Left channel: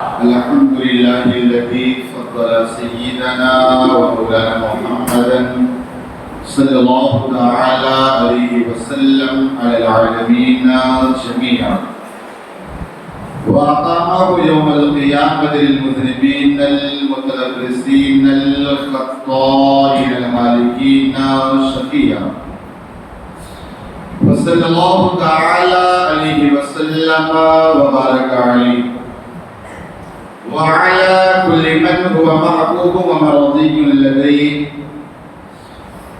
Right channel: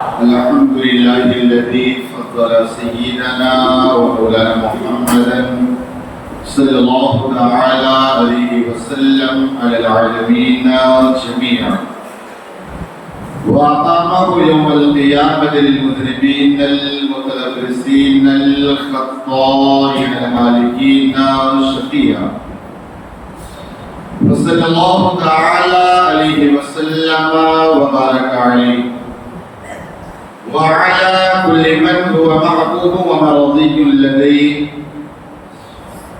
الحمد لله الذي فضل سيدنا ومولانا محمدا صلى الله تعالى عليه وسلم على العالمين جميعا، وأقامه يوم القيامة للمذنبين المتلبسين الخطائين المالكين شفيعا، وصلى الله تعالى عليه وسلم وبارك عليه وعلى كل من هو محبوب ومرضي لديه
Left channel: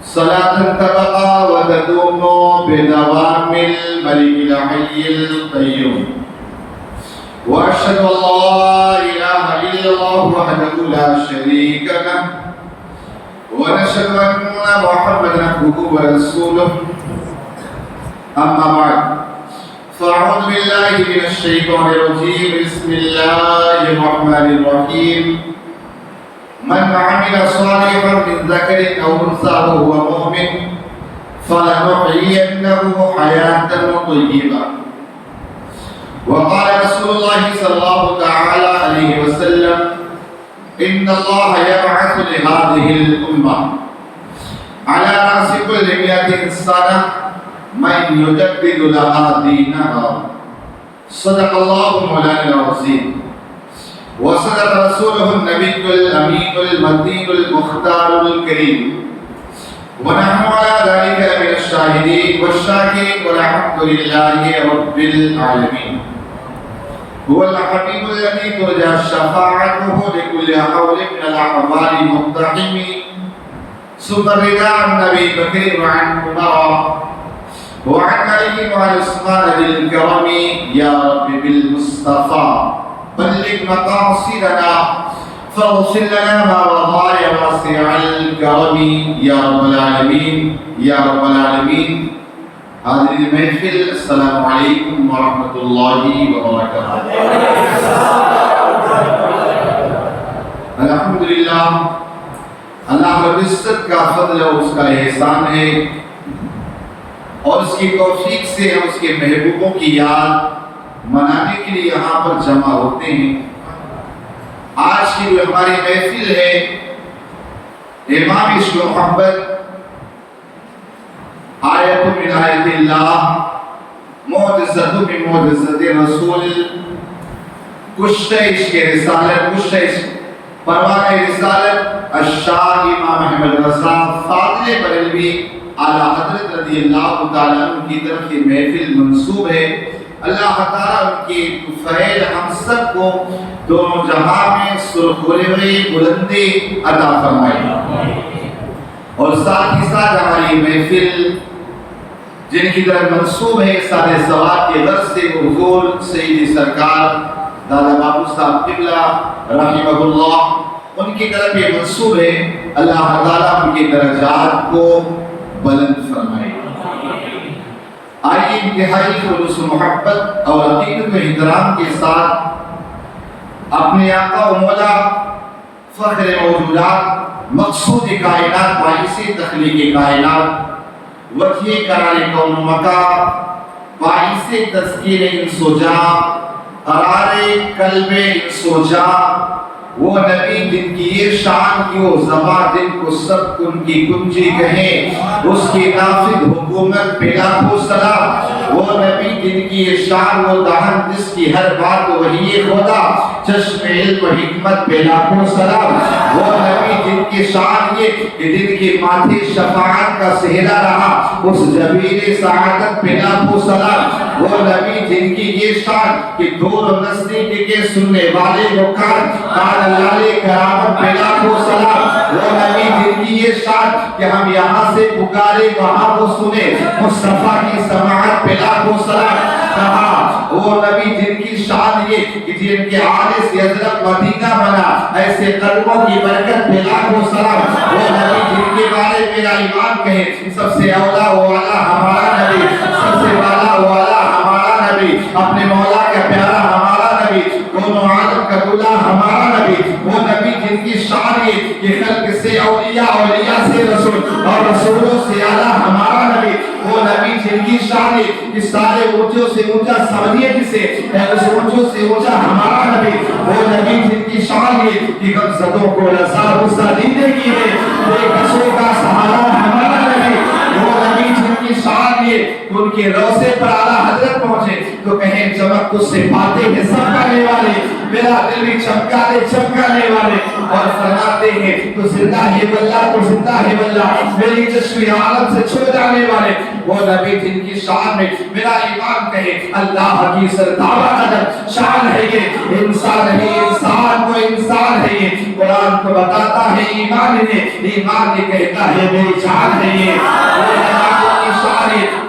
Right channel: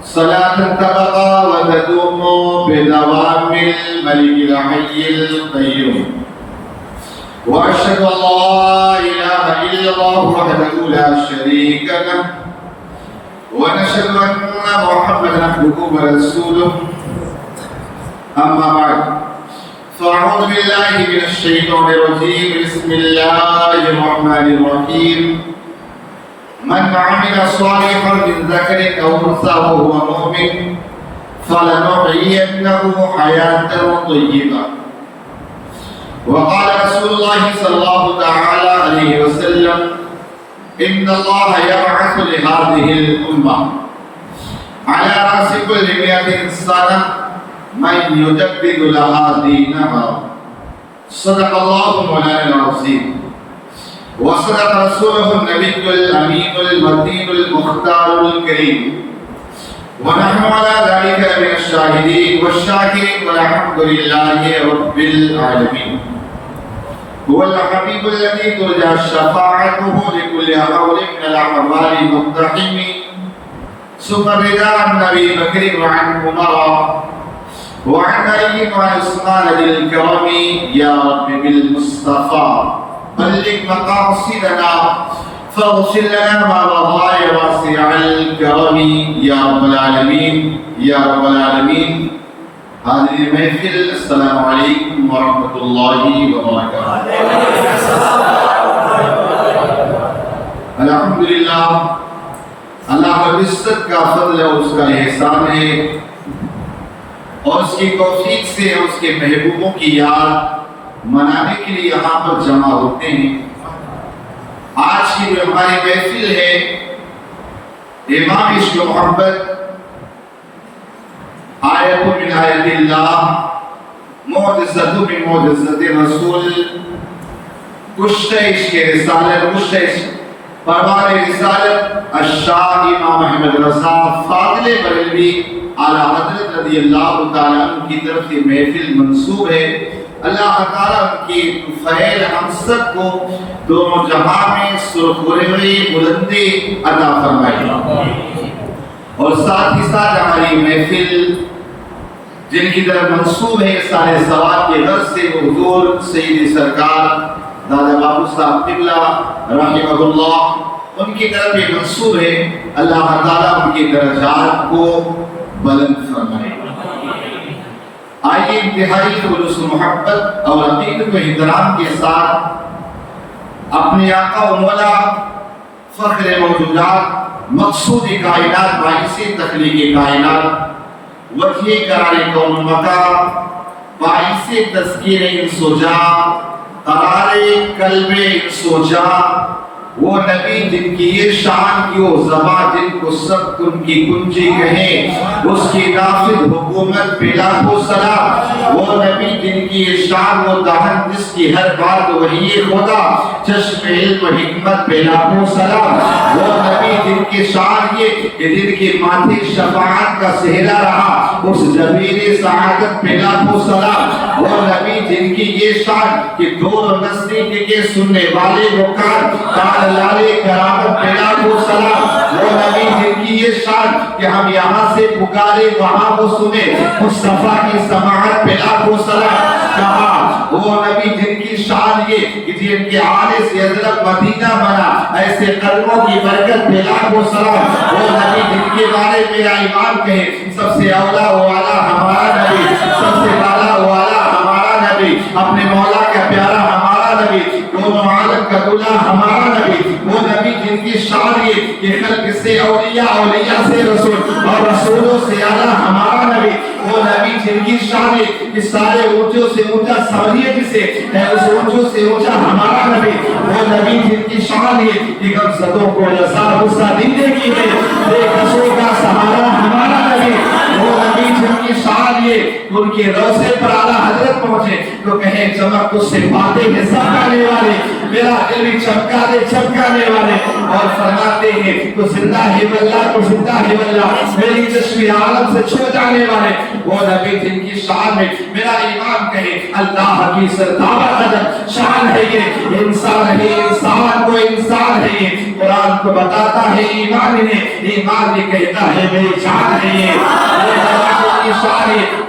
صلاة تبقى وتدوم بدوام الملك الحي القيوم. وأشهد أن لا إله إلا الله وحده لا شريك له، ونشهد أن محمدا عبده ورسوله. أما بعد، فأعوذ بالله من الشيطان الرجيم. بسم الله الرحمن الرحيم. من عمل صالحا من ذكر أو أنثى وهو مؤمن فلنحيينه حياة طيبة. وقال رسول الله صلى الله تعالى عليه وسلم: إن الله يبعث لهذه الأمة على رأس كل 100 سنة من يجدد لها دينها. صدق الله مولانا العظيم، وصدق رسوله النبي الأمين المتين المختار الكريم، ونحن على ذلك من الشاهدين والشاكرين، والحمد لله رب العالمين. هو الحبيب الذي ترجى شفاعته لكل حول من الأحوال المقتحم، ثم الرضا عن أبي بكر وعن عمر وعن علي وعن عثمان ذي الكرم. يا رب بالمصطفى بلغ مقاصدنا فاغفر لنا ما مضى يا واسع الكرم. يا رب العالمين يا رب العالمين. حاضرین محفل، السلام علیکم ورحمۃ اللہ وبرکاتہ۔ الحمدللہ، اللہ رب العزت کا فضل اور اس کا احسان ہے، اور اس کی توفیق سے ہم اس کے محبوبوں کی یاد منانے کے لیے یہاں پر جمع ہوتے ہیں۔ آج کی جو ہماری محفل ہے، امام عشق و محبت، آیت من آیت اللہ، معجزۃ من معجزۃ رسول، کشتہ عشق رسالت، کشتہ عشق پروان رسالت الشاہ امام احمد رضا فاضل بریلوی اعلیٰ حضرت رضی اللہ تعالیٰ عنہ کی طرف سے محفل منسوب ہے۔ اللہ تعالیٰ ان کی فضل ہم سب کو دونوں جہاں میں سرخروئی بلندی عطا فرمائے، اور ساتھ ہی ساتھ ہماری محفل جن کی طرف منسوب ہے سارے ثواب کے غرض سے، وہ حضور سید سرکار دادا بابو صاحب قبلہ رحمہ اللہ، ان کی طرف یہ منسوب ہے۔ اللہ تعالیٰ ان کے درجات کو بلند فرمائے۔ آئیے انتہائی خلوص محبت اور عقیدت و احترام کے ساتھ اپنے آقا و مولا فخر موجودات، مقصود کائنات، باعث تخلیق کائنات، وجہ قرار کون مکا، باعث تذکیر انس و جاں، قرار قلب انس و جاں، وہ نبی جن کی یہ شان کی وہ زباں جن کو سب ان کی کنجی کہیں، اس کی نافذ حکومت پہ لاکھوں سلام، وہ نبی جن کی یہ شان وہ دہن جس کی ہر بات وحی خدا، چشم علم و حکمت پہ لاکھوں سلام، وہ نبی جن کی شان یہ کہ جن کی ماتھے شفاعت کا سہرا رہا، اس جبیر سعادت پہ لاکھوں سلام، وہ نبی جن کی یہ شان کہ دور و نزدیک کے سننے والے رکان لالے کرامت پہ لاکھوں سلام، وہ نبی جن کی یہ شان کہ ہم یہاں سے پکارے وہاں وہ سنے، مصطفیٰ کی سماعت پہ لاکھوں سلام کہا، وہ نبی جن کی شان یہ کہ جن کے آنے سے حضرت مدینہ بنا، ایسے قدموں کی برکت پہ لاکھوں سلام، وہ نبی جن کے بارے میرا ایمان کہے سب سے اولا والا ہمارا نبی، سب سے والا والا ہمارا نبی، اپنے مولا کا پیارا ہمارا نبی، دونوں عالم کا دلہا ہمارا نبی، وہ نبی جن کی شان یہ کہ خلق سے اولیاء، اولیاء سے رسول، اور رسولوں سے اعلیٰ ہمارا نبی، وہ نبی جن کی شان یہ کہ سارے اونچوں سے اونچا سمجھیے جسے، اس اونچوں سے اونچا ہمارا نبی، وہ چاہیے کہ غمزدوں کو لذات غصہ دینے کی ہے، بے کسوں کا سہارا ہمارا لگے۔ وہ نبی جن کی شان یہ ان کے روضے پر اعلیٰ حضرت پہنچے تو کہیں چمک تو سے باتیں ہیں سمکانے والے، میرا دل بھی چمکانے والے، اور فرماتے ہیں تو زندہ ہے واللہ تو زندہ ہے واللہ، میری چشمی عالم سے چھو جانے والے۔ وہ نبی جن کی شان میں میرا ایمان کہے اللہ کی سردابہ قدر شان ہے یہ، انسان ہے انسان کو انسان ہے یہ، قرآن کو بتاتا ہے ایمان نے، ایمان یہ کہتا ہے میری جان ہے یہ۔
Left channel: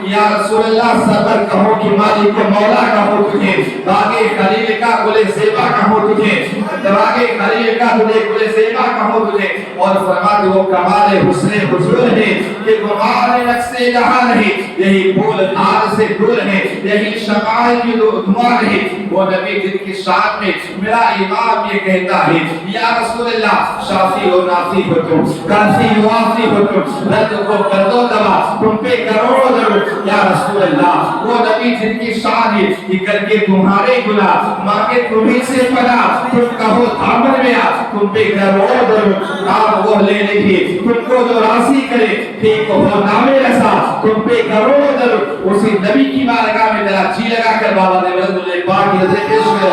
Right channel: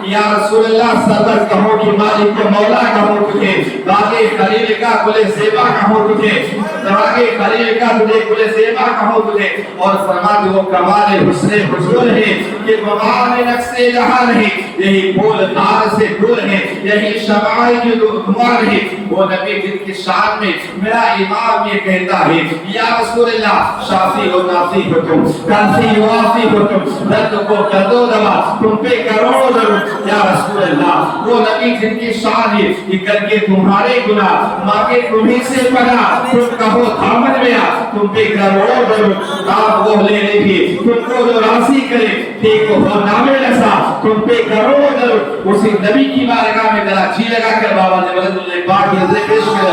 یا رسول اللہ صدر کہو کہ مالک و مولا کہو تجھے، باغِ خلیل کا گل زیبا کہو تجھے، باغِ خلیل کا گل زیبا کہو تجھے، اور فرماتے وہ کمال حسن حضور ہے کہ غبار نقص جہان ہے، یہی پھول دار سے دور ہے، یہی شمائل کی دمار ہے۔ وہ نبی جن کی شان میں میرا امام یہ کہتا ہے یا رسول اللہ شافی و نافی ہو تم، کافی و وافی ہو تم، رد کو کر دو دوا تم پہ کروڑوں ضرور یا رسول اللہ۔ وہ نبی جن کی شان ہے کہ کر کے تمہارے گناہ مانگے تمہیں سے پناہ، تم کہو دامن میں آ تم پہ کروڑوں ضرور، آپ وہ لے لے بھی تم کو جو راضی کرے ٹھیک ہو نامے رسا تم پہ کروڑوں ضرور۔ اسی نبی کی بارگاہ میں ذرا جی لگا کر بابا نے رسول اللہ پاک سے پیش کر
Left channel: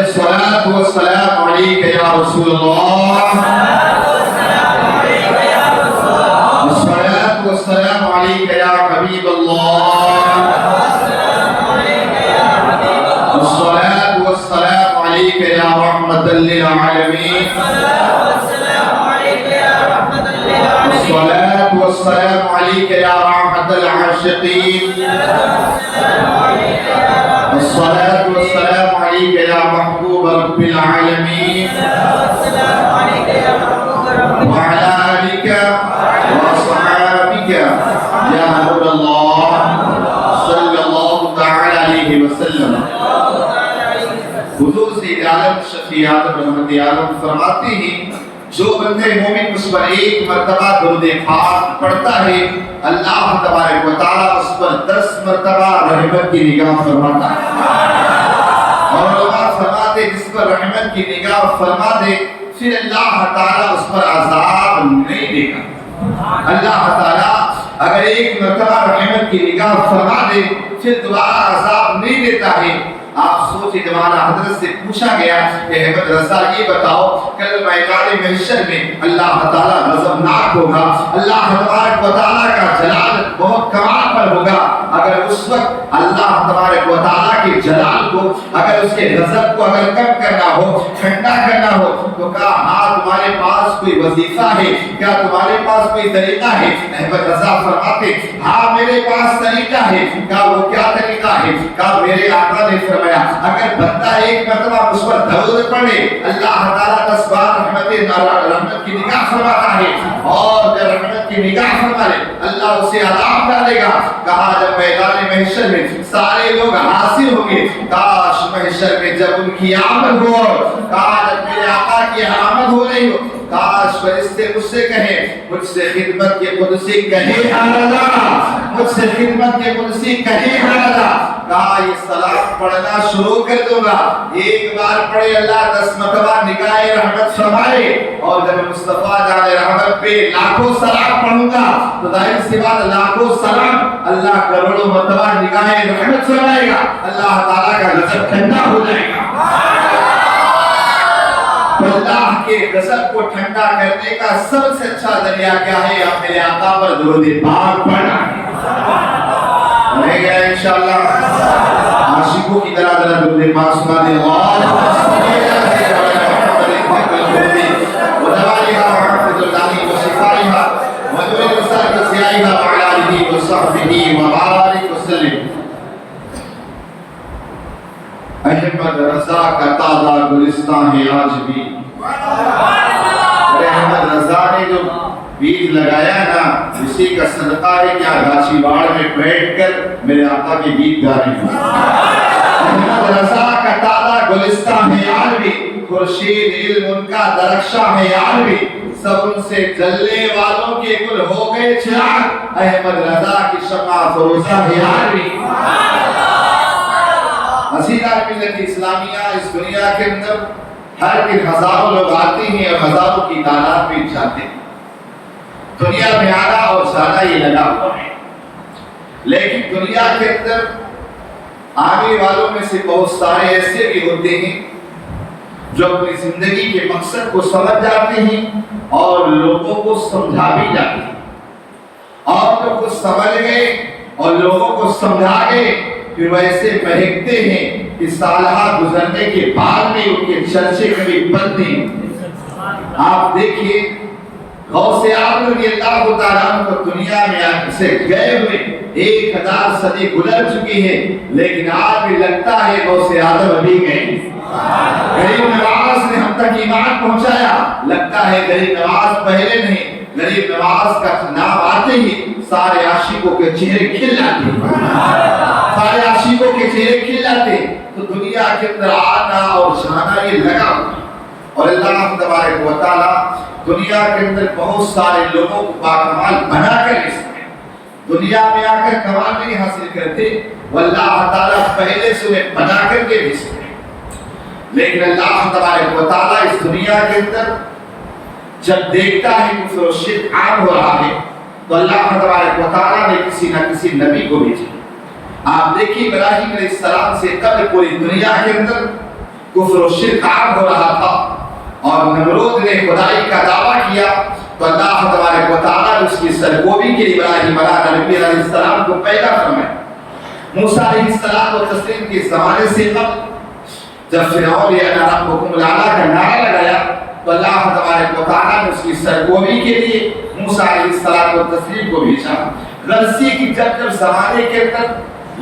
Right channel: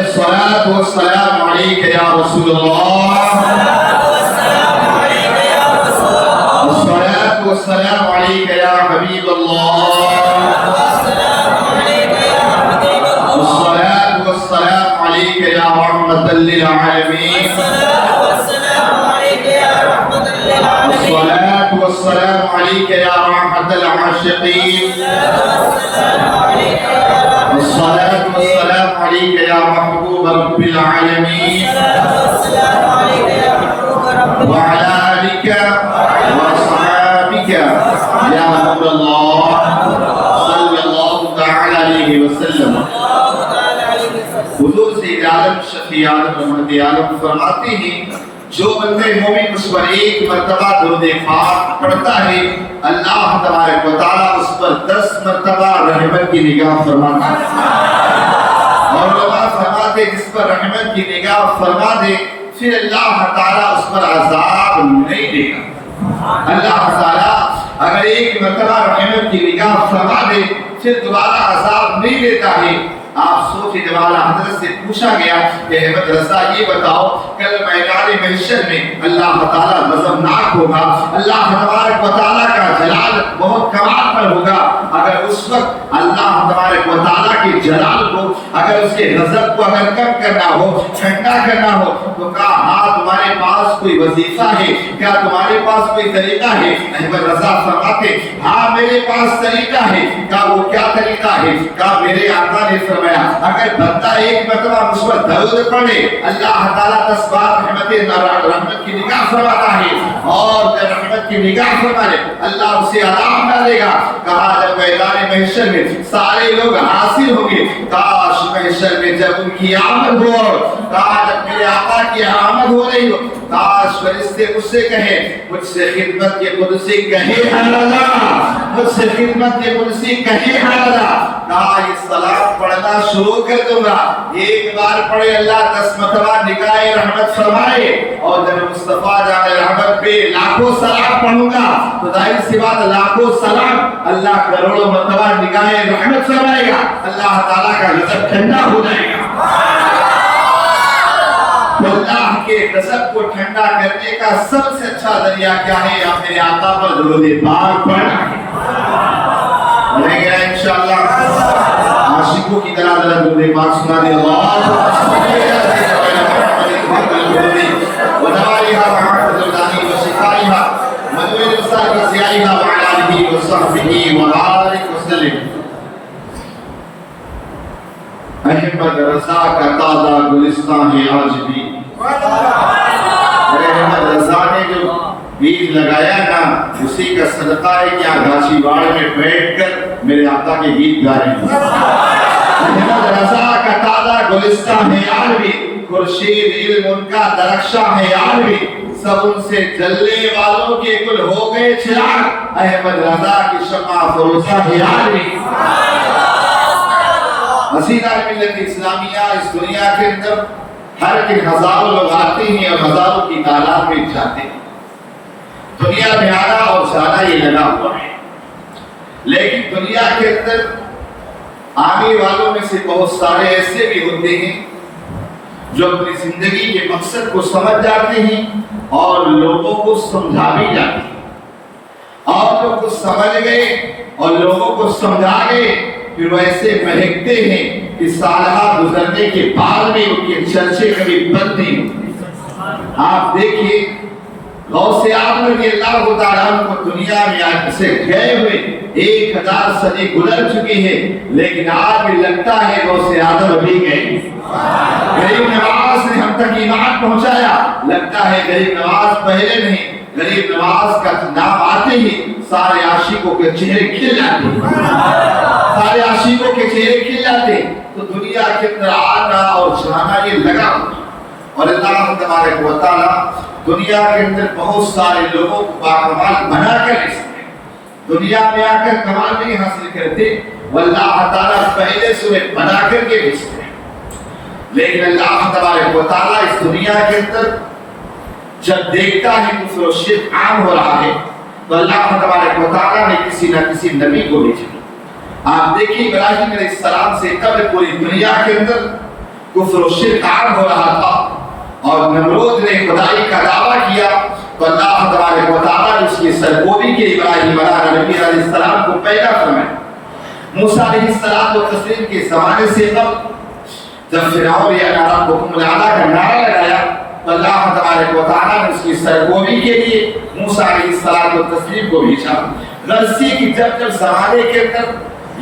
الصلاة والسلام عليك يا رسول الله، الصلاة والسلام عليك يا حبيب الله، الصلاة والسلام عليك يا رحمة للعالمين، الصلاة والسلام عليك يا رحمة العاشقين، الصلاة والسلام عليك يا محبوب رب العالمين، وعلى آلك وأصحابك يا نور الله صلى الله تعالى عليه وسلم۔ حضور سید عالم شفیع عالم رحمت عالم فرماتے ہیں جو بندے مومن اس پر ایک مرتبہ درود پاک پڑھتا ہے اللہ تبارک و تعالیٰ اس پر 10 مرتبہ رحمت کی نگاہ فرماتا ہے، اور علماء فرماتے جس پر رحمت کی نگاہ فرما دے پھر اللہ تعالیٰ اس پر عذاب نہیں دے گا۔ اللہ تعالیٰ اگر ایک مرتبہ رحمت کی نگاہ فرما دے پھر دوبارہ عذاب نہیں دیتا ہے۔ آپ سوچیں جب اعلیٰ حضرت سے پوچھا گیا کہ احمد رضا یہ بتاؤ کل میدان محشر میں اللہ تعالیٰ غضبناک ہوگا، اللہ تبارک و تعالیٰ کا جلال بہت کمال پر ہوگا، اگر اس وقت اللہ تبارک و تعالیٰ کے جلال کو اگر اس کے غضب کو اگر کم کرنا ہو ٹھنڈا کرنا ہو تو کہا ہاں تمہارے پاس کوئی وظیفہ ہے کیا، تمہارے پاس کوئی طریقہ ہے؟ احمد رضا فرماتے ہاں میرے پاس طریقہ ہے۔ کہا وہ کیا طریقہ ہے؟ کہا میرے آقا نے فرمایا اگر بندہ ایک مرتبہ اس پر درود پڑھے اللہ تعالیٰ 10 بار رحمت کی نگاہ فرماتا ہے، اور جب رحمت کی نگاہ فرمائے اللہ اسے عذاب ڈالے گا۔ کہا جب میدان محشر میں سارے لوگ حاضر ہوں گے، کاش محشر میں جب ان کی آمد ہو، کہا جب میرے آقا کی آمد ہو رہی ہو، کاش فرشتے مجھ سے کہیں مجھ سے خدمت کے قدسی کہے اللہ، مجھ سے خدمت کے قدسی کہے اللہ۔ کہا یہ سلام پڑھنا شروع کر دوں گا، ایک بار پڑھے اللہ 10 مرتبہ نگاہ رحمت فرمائے، اور جب مصطفیٰ جان رحمت پہ لاکھوں سلام پڑھوں گا تو ظاہر سی بات لاکھوں سلام اللہ کروڑوں مرتبہ نگاہ رحمت فرمائے گا، اللہ تعالیٰ کا غضب ٹھنڈا ہو جائے گا۔ اللہ کے غضب کو ٹھنڈا کرنے کا سب سے اچھا ذریعہ کیا ہے؟ آپ میرے آقا پر درود پاک پڑھنا ہے۔ رہ گیا انشاءاللہ عاشقوں کی طرح ذرا درود پاک سنا دیں احمد رضا کا تازہ گلستان ہے آج بھی۔ احمد رضا نے جو بیج لگایا نا اسی کا صدقہ ہے کیا گاچھی باڑ میں بیٹھ کر میرے آقا کے گیت گانے ہیں۔ احمد رضا کا تازہ گلستان ہے آج بھی، خورشید علم ان کا درخشاں ہے آج بھی، سب ان سے جلنے والوں کے گل ہو گئے چراغ، احمد رضا کی شمع فروزہ بہار میں۔ حسینہ ملت اسلامیہ اس دنیا کے اندر ہر دن ہزاروں لوگ آتے ہیں اور ہزاروں کی تعداد میں جاتے ہیں۔ دنیا میں آنا اور جانا یہ لگا ہوا ہے، لیکن دنیا کے اندر آنے والوں میں سے بہت سارے ایسے بھی ہوتے ہیں جو اپنی زندگی کے مقصد کو سمجھ جاتے ہیں اور لوگوں کو سمجھا بھی جاتے ہیں، اور جو کچھ سمجھ گئے اور لوگوں کو سمجھا گئے پھر ویسے مہکتے ہیں کہ سالہ گزرنے کے بعد میں ان کے چرچے کبھی بند نہیں ہوتے۔ آپ دیکھیے غوث اعظم رضی اللہ تعالیٰ عنہ کو دنیا میں سے گئے ہوئے 1000 صدی گزر چکی ہے، لیکن آج بھی لگتا ہے غوث اعظم ابھی گئے۔ غریب نواز نے ہم تک ایمان پہنچایا، لگتا ہے غریب نواز پہلے نہیں، غریب نواز کا نام آتے ہی سارے عاشقوں کے چہرے کھل جاتے، سارے عاشقوں کے چہرے کھل جاتے۔ تو دنیا کے اندر آنا اور جانا یہ لگا ہوا، اور اللہ تبارک و تعالیٰ دنیا کے اندر بہت سارے لوگوں کو باکمال بنا کر رکھتے ہیں۔ دنیا میں آ کر کمال نہیں حاصل کرتے، واللہ تعالیٰ پہلے سے انہیں بنا کر کے بھیجتے ہیں۔ لیکن اللہ تبارک و تعالیٰ اس دنیا کے اندر جب دیکھتا ہے کہ وہ شرک عام ہو رہا ہے تو اللہ تبارک و تعالیٰ نے کسی نہ کسی نبی کو بھیجا۔ آپ دیکھیے ابراہیم علیہ السلام سے قبل پوری دنیا کے اندر کفر و شرک عام ہو رہا تھا، اور نمرود نے خدائی کا دعویٰ کیا تو اللہ تبارک و تعالیٰ نے اس کی سرگوبی کے لیے ابراہیم علیہ السلام کو پیدا فرمایا۔ موسیٰ علیہ السلام و تسلیم کے زمانے سے قبل جب فرعون یا ربکم الاعلیٰ کا نعرہ لگایا تو اللہ تبارک و تعالیٰ نے اس کی سرگوبی کے لیے موسیٰ علیہ السلام و تسلیم کو بھیجا۔ غرضی کی جب زمانے کے اندر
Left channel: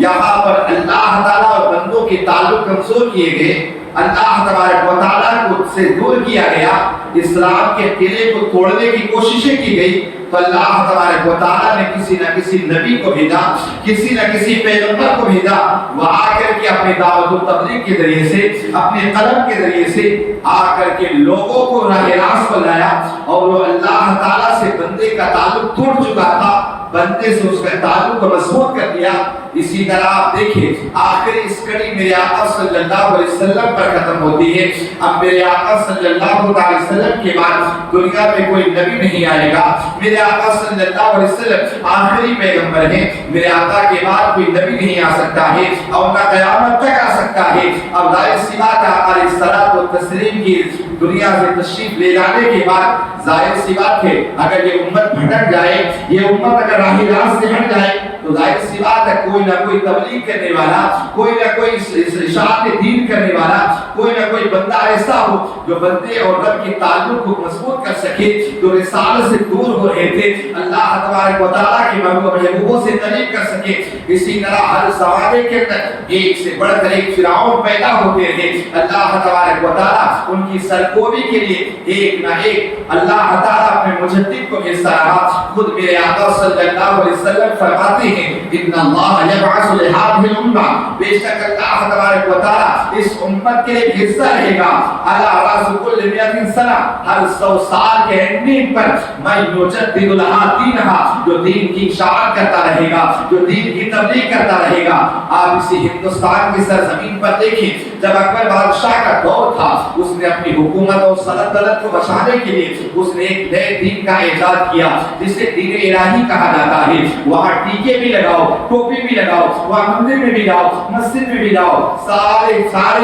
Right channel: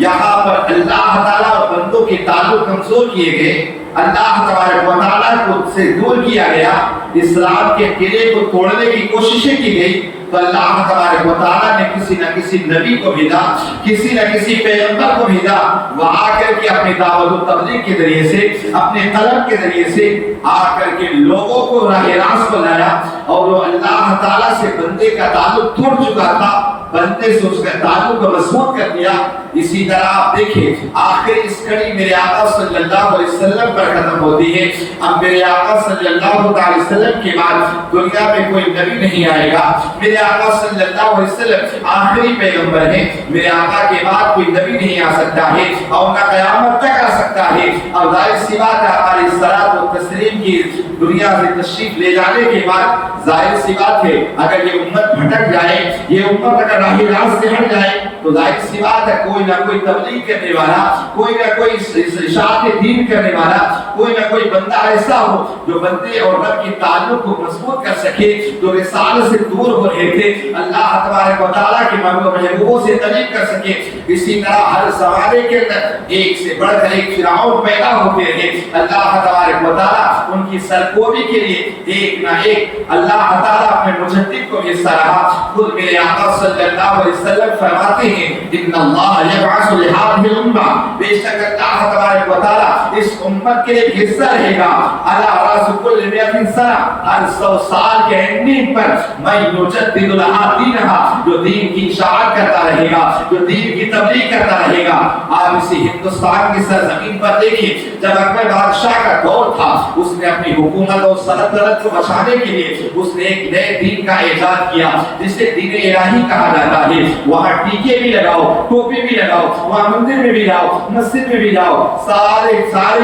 یہاں پر اللہ تعالیٰ اور بندوں کے تعلق کمزور کیے گئے، اللہ تبارک و تعالیٰ کو سے دور کیا گیا، اسلام کے قلعے کو توڑنے کی کوششیں کی گئی، تو اللہ تبارک و تعالیٰ نے کسی نہ کسی نبی کو بھیجا، کسی نہ کسی پیغمبر کو بھیجا، وہ آ کر کے اپنے دعوت و تبلیغ کے ذریعے سے، اپنے قلم کے ذریعے سے آ کر کے لوگوں کو راہ راست پر لایا، اور وہ اللہ تعالیٰ سے بندے کا تعلق توڑ چکا تھا، بندے سے اس کا تعلق کو مضبوط کر دیا۔ اسی طرح آپ دیکھیں آخر اس کڑی میرے آقا صلی اللہ علیہ وسلم پر ختم ہوتی ہے۔ اب میرے آقا صلی اللہ علیہ وسلم کے بعد دنیا میں کوئی نبی نہیں آئے گا۔ میرے آقا صلی اللہ علیہ وسلم آخری پیغمبر ہیں، میرے آقا کے بعد کوئی نبی نہیں آ سکتا ہے اور نہ قیامت تک آ سکتا ہے۔ اور ظاہر سی بات ہے ہماری صلاۃ و تسلیم کی دنیا سے تشریف لے جانے کے بعد ظاہر سی بات ہے اگر یہ امت بھٹک جائے، یہ امت اگر راہ راست سے ہٹ جائے تو ظاہر سی بات ہے کوئی نہ کوئی تبلیغ کرنے والا، کوئی نہ کوئی اشاعت دین کرنے والا، کوئی نہ کوئی بندہ ایسا ہو جو بندے اور رب کے تعلق کو مضبوط کر سکے، جو رسالت سے دور ہو رہے تھے اللہ تبارک و تعالیٰ کے محبوبوں سے قریب کر سکے۔ اسی طرح ہر زمانے کے اندر ایک سے بڑھ کر ایک فرعون پیدا ہوتے رہے، اللہ تبارک و تعالیٰ ان کی سرکوبی کے لیے ایک نہ ایک اللہ تعالیٰ اپنے مجدد کو بھیجتا رہا۔ خود میرے آقا صلی اللہ علیہ وسلم فرماتے ہیں ان اللہ یبعث لہذه الامہ، بے شک اللہ تبارک و تعالیٰ اس امت کے لیے حصہ رہے گا علی راس کل 100 سنہ، ہر 100 سال کے اینڈنگ پر میں یجدد لہا دینہا، جو دین کی اشاعت کرتا رہے گا، جو دین کی تبلیغ کرتا رہے گا۔ آپ اسی ہندوستان کی سرزمین پر دیکھیں جب اکبر بادشاہ کا دور تھا اس نے اپنی حکومت اور سلطنت کو بچانے کے لیے اس نے ایک نئے دین کا ایجاد کیا جسے دین الہی کہا جاتا ہے۔ وہاں ٹیکے بھی لگاؤ، ٹوپی بھی لگاؤ، وہاں مندر میں بھی جاؤ، مسجد میں بھی جاؤ، سارے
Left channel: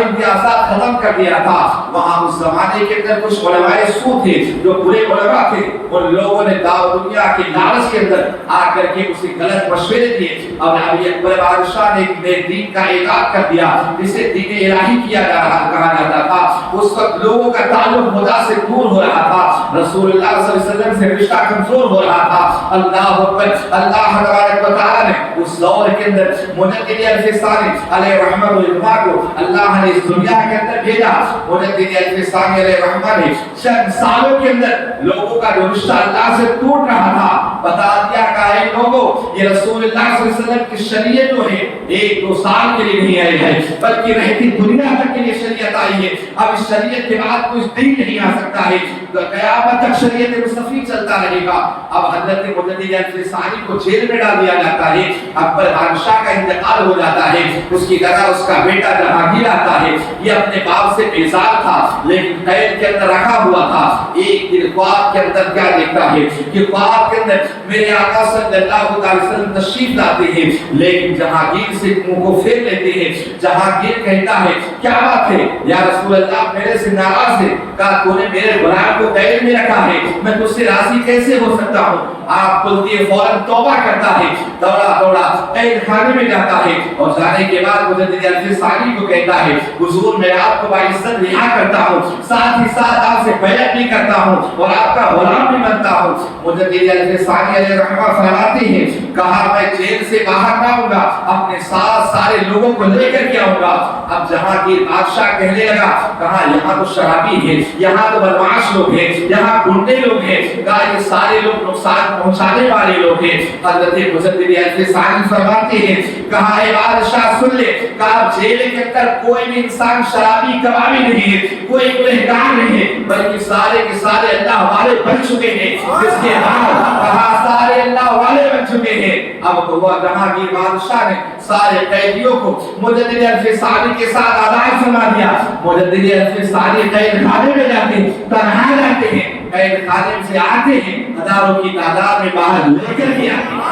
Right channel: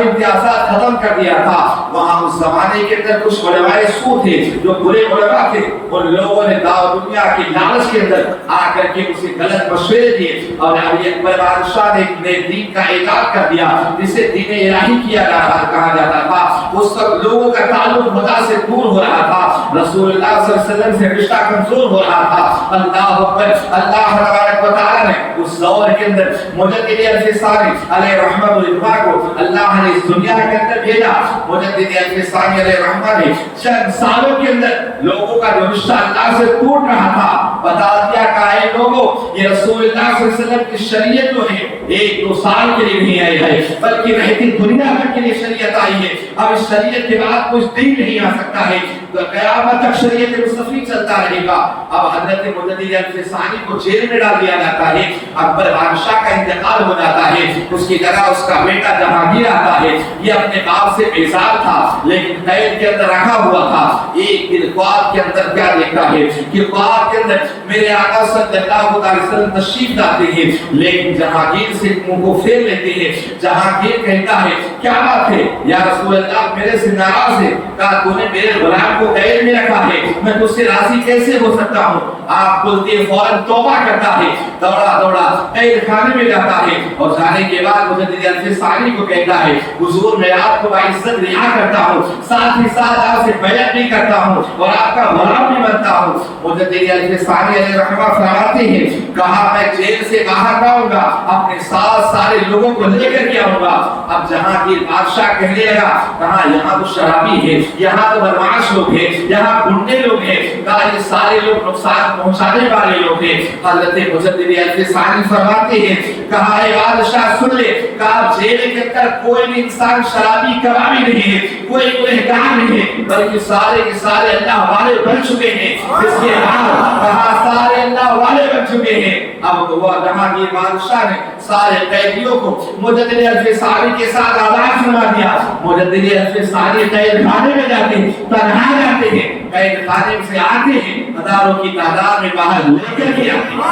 امتیازات ختم کر دیا تھا۔ وہاں اس زمانے کے اندر کچھ علماء سو تھے جو برے علماء تھے، ان لوگوں نے دنیا کی لالچ کے اندر آ کر کے اسے غلط مشورے دیے اور ابھی اکبر بادشاہ نے ایک نئے دین کا ایجاد کر دیا جسے دین الہی کہا جاتا تھا۔ اس وقت لوگوں کا تعلق خدا سے دور ہو رہا تھا، رسول اللہ صلی اللہ علیہ وسلم سے رشتہ کمزور ہو رہا تھا۔ اللہ اکبر پر اللہ تبارک و تعالی نے اس دور کے اندر مجدد الفسانی علیہ رحمت و اطباع کو اللہ نے اس دنیا کے اندر بھیجا. مجدد الفسانی علیہ رحمت نے چند سالوں کے اندر لوگوں کا جو رشتہ اللہ سے ٹوٹ رہا تھا بتا دیا کہ اے لوگوں یہ رسول اللہ صلی اللہ علیہ وسلم کی شریعت جو ہے 1-2 سال کے لیے نہیں آئی ہے بلکہ رہتی دنیا تک کے لیے شریعت آئی ہے. اب اس شریعت کے بعد کوئی دین نہیں آ سکتا ہے, قیامت تک شریعت مصطفی چلتا رہے گا. اب حضرت مجدد الفسانی کو جیل میں ڈال دیا جاتا ہے. اکبر بادشاہ کا انتقال ہو جاتا ہے, اس کی جگہ اس کا بیٹا جہانگیر آتا ہے. یہ اپنے باپ سے بیزار تھا لیکن قید کے اندر رکھا ہوا تھا. ایک دن خواب کے اندر کیا دیکھتا ہے کہ خواب کے اندر میرے آقا صلی اللہ علیہ وسلم تشریف لاتے ہیں لیکن جہانگیر سے منہ کو پھیر لیتے ہیں. جہانگیر کہتا ہے کیا بات ہے یا رسول اللہ میرے سے ناراض ہے, کہا تو نے میرے غلام کو قید میں رکھا ہے, میں تجھ سے راضی کیسے ہو سکتا ہوں. آپ بولتے ہیں فوراً توبہ کرتا ہے, دوڑا دوڑا قید خانے میں جاتا ہے اور جانے کے بعد مجدد الفسانی کو کہتا ہے حضور میں آپ کو باعزت رہا کرتا ہوں, ساتھ ہی ساتھ آپ سے بیعت بھی کرتا ہوں اور آپ کا غلام بھی بنتا ہوں. مجدد الفسانی علیہ رحمہ فرماتے ہیں کہا میں جیل سے باہر نہ آؤں گا, اپنے ساتھ سارے لوگوں کو لے کر کے آؤں گا. اب جہانگیر بادشاہ کہنے لگا کہا یہاں تو شرابی ہے, یہاں تو بدمعاش لوگ ہیں, یہاں گنڈے لوگ ہیں, کہا یہ سارے لوگ نقصان پہنچانے والے لوگ ہیں. حضرت مجدد الفسانی فرماتے ہیں کہا اے بادشاہ سن لے, کہا جیل کے اندر کوئی بھی انسان شرابی کبابی نہیں ہے, کوئی گنہگار نہیں ہے, بلکہ سارے کے سارے اللہ والے بن چکے ہیں. جس کے بعد کہا سارے اللہ والے بن چکے ہیں. اب تو وہ جہانگیر بادشاہ نے سارے قیدیوں کو مجدد الفسانی کے ساتھ آزاد فرما دیا. مجدد الفسانی قید خانے میں جاتے ہیں, تنہا جاتے ہیں, قید خانے سے آتے ہیں, ہزاروں کی تعداد میں باہر لے کر کے آتے ہیں.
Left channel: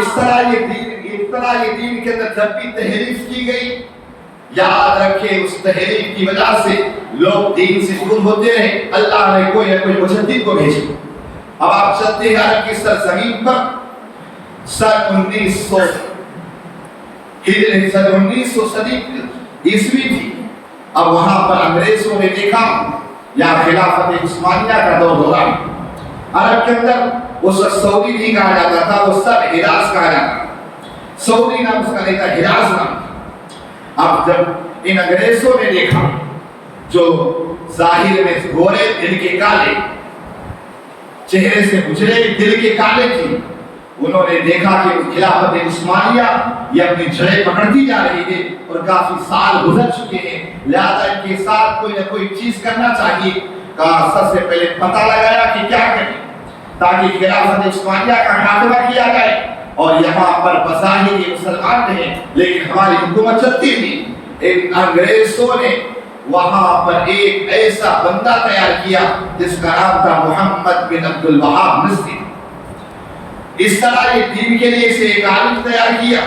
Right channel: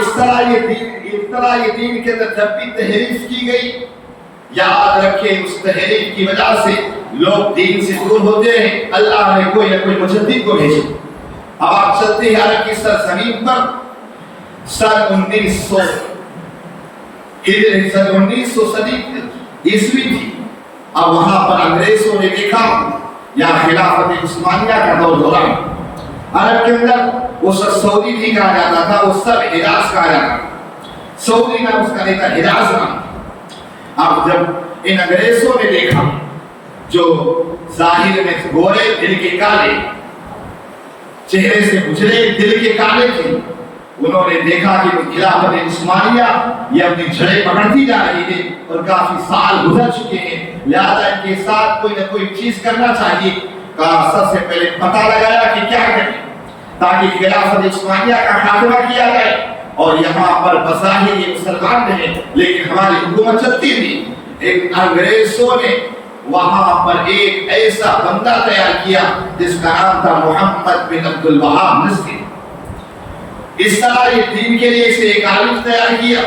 اس طرح یہ دین کے اندر جب بھی تحریف کی گئی, یاد رکھیں اس تحریف کی وجہ سے لوگ دین سے دور ہوتے رہے. اللہ نے کوئی نہ کوئی مجدد کو بھیجا. اب آپ چلتے ہیں عرب کی سرزمین پر. سن 1900 صدی عیسوی تھی. اب وہاں پر انگریزوں نے دیکھا یا خلافت عثمانیہ کا دور ہو رہا. عرب کے اندر وہ سعودی نہیں کہا جاتا تھا, وہ سب حجاز کہا جاتا تھا. سعودی نام اس کا نہیں تھا, حجاز نام. اب جب ان انگریزوں نے دیکھا جو ظاہر میں گورے دل کے کالے, چہرے سے گزرے دل کے کالے تھے, انہوں نے دیکھا کہ خلافت عثمانیہ یہ اپنی جڑیں پکڑتی جا رہی ہے اور کافی سال گزر چکے ہیں, لہذا ان کے ساتھ کوئی نہ کوئی چیز کرنا چاہیے. کہا سب سے پہلے پتہ لگایا کہ کیا کریں تاکہ خلافت عثمانیہ کا خاتمہ کیا جائے اور یہاں پر بظاہر یہ مسلمان رہے لیکن ہماری حکومت چلتی تھی. ایک انگریزوں نے وہاں پر ایک ایسا بندہ تیار کیا جس کا نام تھا محمد بن عبد الوہاب نصری. اس طرح یہ دین کے لیے اسے ایک عالم تیار کیا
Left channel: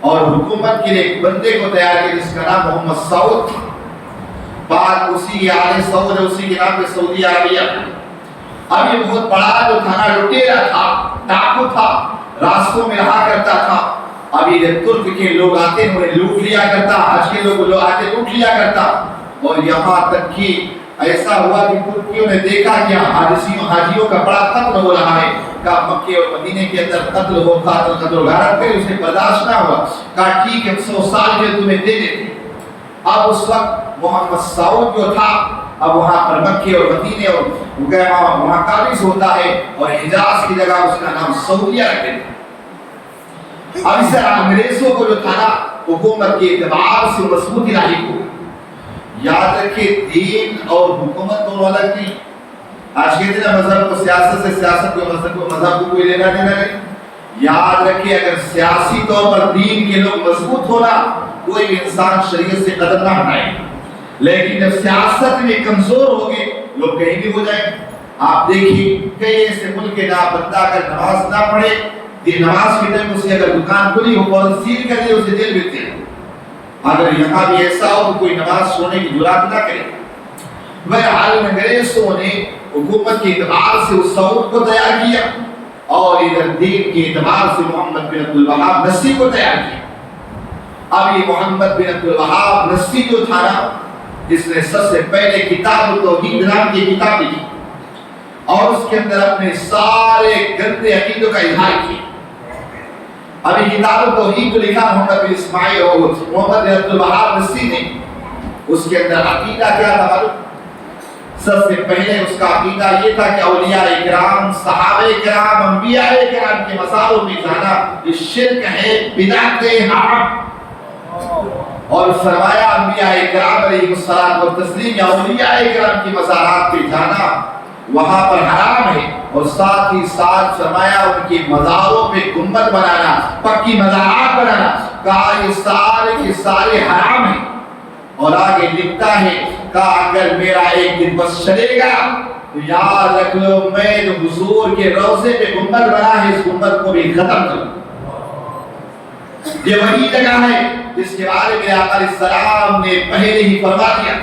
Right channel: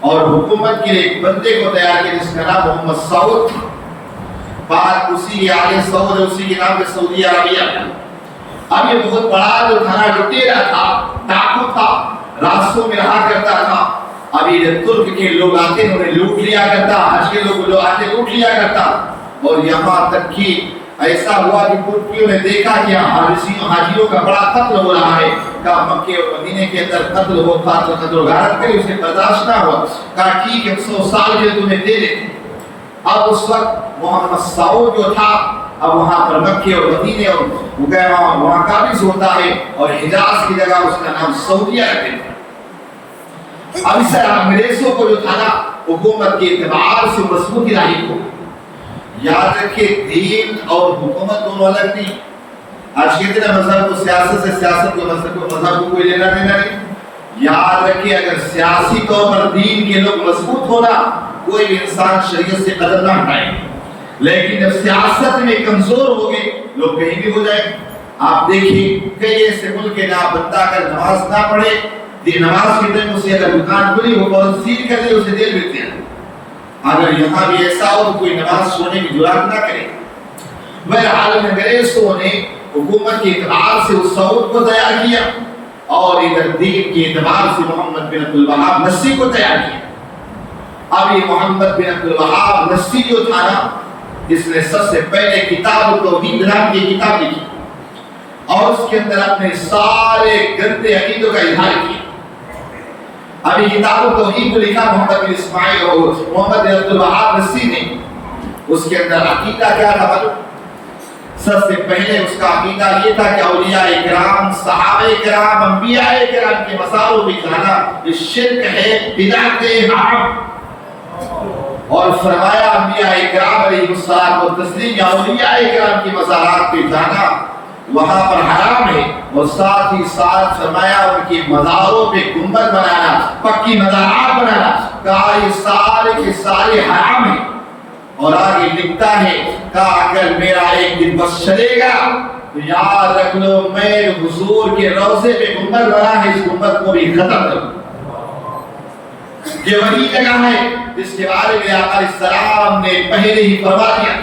اور حکومت کے لیے ایک بندے کو تیار کیا جس کا نام محمد سعود. بعد اسی آل سعود اسی کے نام پہ سعودی عربیہ. اب یہ بہت بڑا جو تھا, لٹیرا تھا, ڈاکو تھا, راستوں میں رہا کرتا تھا. ابھی جب ترک کے لوگ آتے ہیں انہیں لوٹ لیا کرتا, حج کے لوگ جو آتے لوٹ لیا کرتا. اور یہاں تک کہ ایسا ہوا کہ ترکیوں نے دیکھا کہ حاجیوں کا بڑا قتل ہو رہا ہے. کہا مکے اور مدینے کے اندر قتل ہو, قتل و غارت کرے, اسے برداشت نہ ہوا. کہا ٹھیک ہے 100 سال کے تمہیں دے دیتے. اب اس وقت محمد سعود جو تھا اب وہاں پر مکے اور مدینے اور وہاں قابض ہوتا ہے اور حجاز کی جگہ اس کا نام سعودیہ رکھتے ہیں. اب اس طرح انگریزوں کو جو تھا نا حکومت کے اعتبار سے مضبوطی لاحق ہو. یاد رکھے دین اور حکومت دونوں الگ تھی. آج کے دن مذہب کو سیاست سے, سیاست کو مذہب کو, مذہب کو کوئی لینا دینا نہیں. یاد رکھے اگر سیاسی طور پر دین کے لوگ مضبوط ہونا کوئی بھی انسان شریعت سے قدم نہ ہٹائے, لیکن جب سیاست میں کمزور ہوگے لوگ کہیں بھی ہو جائیں. آپ دیکھیں کئی ایسے ملک ہے جہاں بندہ اگر نماز نہ پڑھے نماز کے ٹائم اسے اگر دکان کھلی ہو فوراً سیل کر دے اسے جیل بھیجتے ہیں. اگر یہاں بھی ایسا ہو تو کوئی نماز چھوڑنے کی جرات نہ کرے. بہرحال انگریزوں نے حکومت کے اعتبار سے اس سعود کو تیار کیا اور ادھر دین کے اعتبار سے محمد بن عبد الوہاب نصری کو تیار کیا. اب یہ محمد بن عبد الوہاب نصری جو تھا نا جس نے سب سے پہلے کتاب التوحید نام کی کتاب لکھی. اور اس کے اندر اپنے سارے گندے عقیدوں کا اظہار کیا۔ ابھی کتاب توحید کو لکھا محمد بن اسماعیل اور محمد بن عبد الوہاب رسی نے، اس کے اندر عقیدہ کیا تھا معلوم؟ سب سے پہلے اس کا عقیدہ یہ تھا کہ اولیاء کرام، صحابہ کرام، انبیاء کرام کے مزاروں پہ جانا یہ شرک ہے، بدعت ہے، حرام۔ اور فرمایا انبیاء کرام علیہ الصلوۃ والتسلیم یا اولیاء کرام کے مزارات پہ جانا وہاں پر حرام ہے، اور ساتھ ہی ساتھ فرمایا ان کی مزاروں پہ گنبد بنانا، پکی مزارات بنانا، کہا یہ سارے کے سارے حرام ہیں۔ اور آگے لکھتا ہے کہا اگر میرا ایک دن بس چلے گا تو یاد رکھ لو میں حضور کے روضے پہ گنبد بنا ہے، اس گنبد کو بھی ختم کر دوں۔ یہ وہی جگہ ہے جس کے بارے میں آقا علیہ السلام نے پہلے ہی فرما دیا۔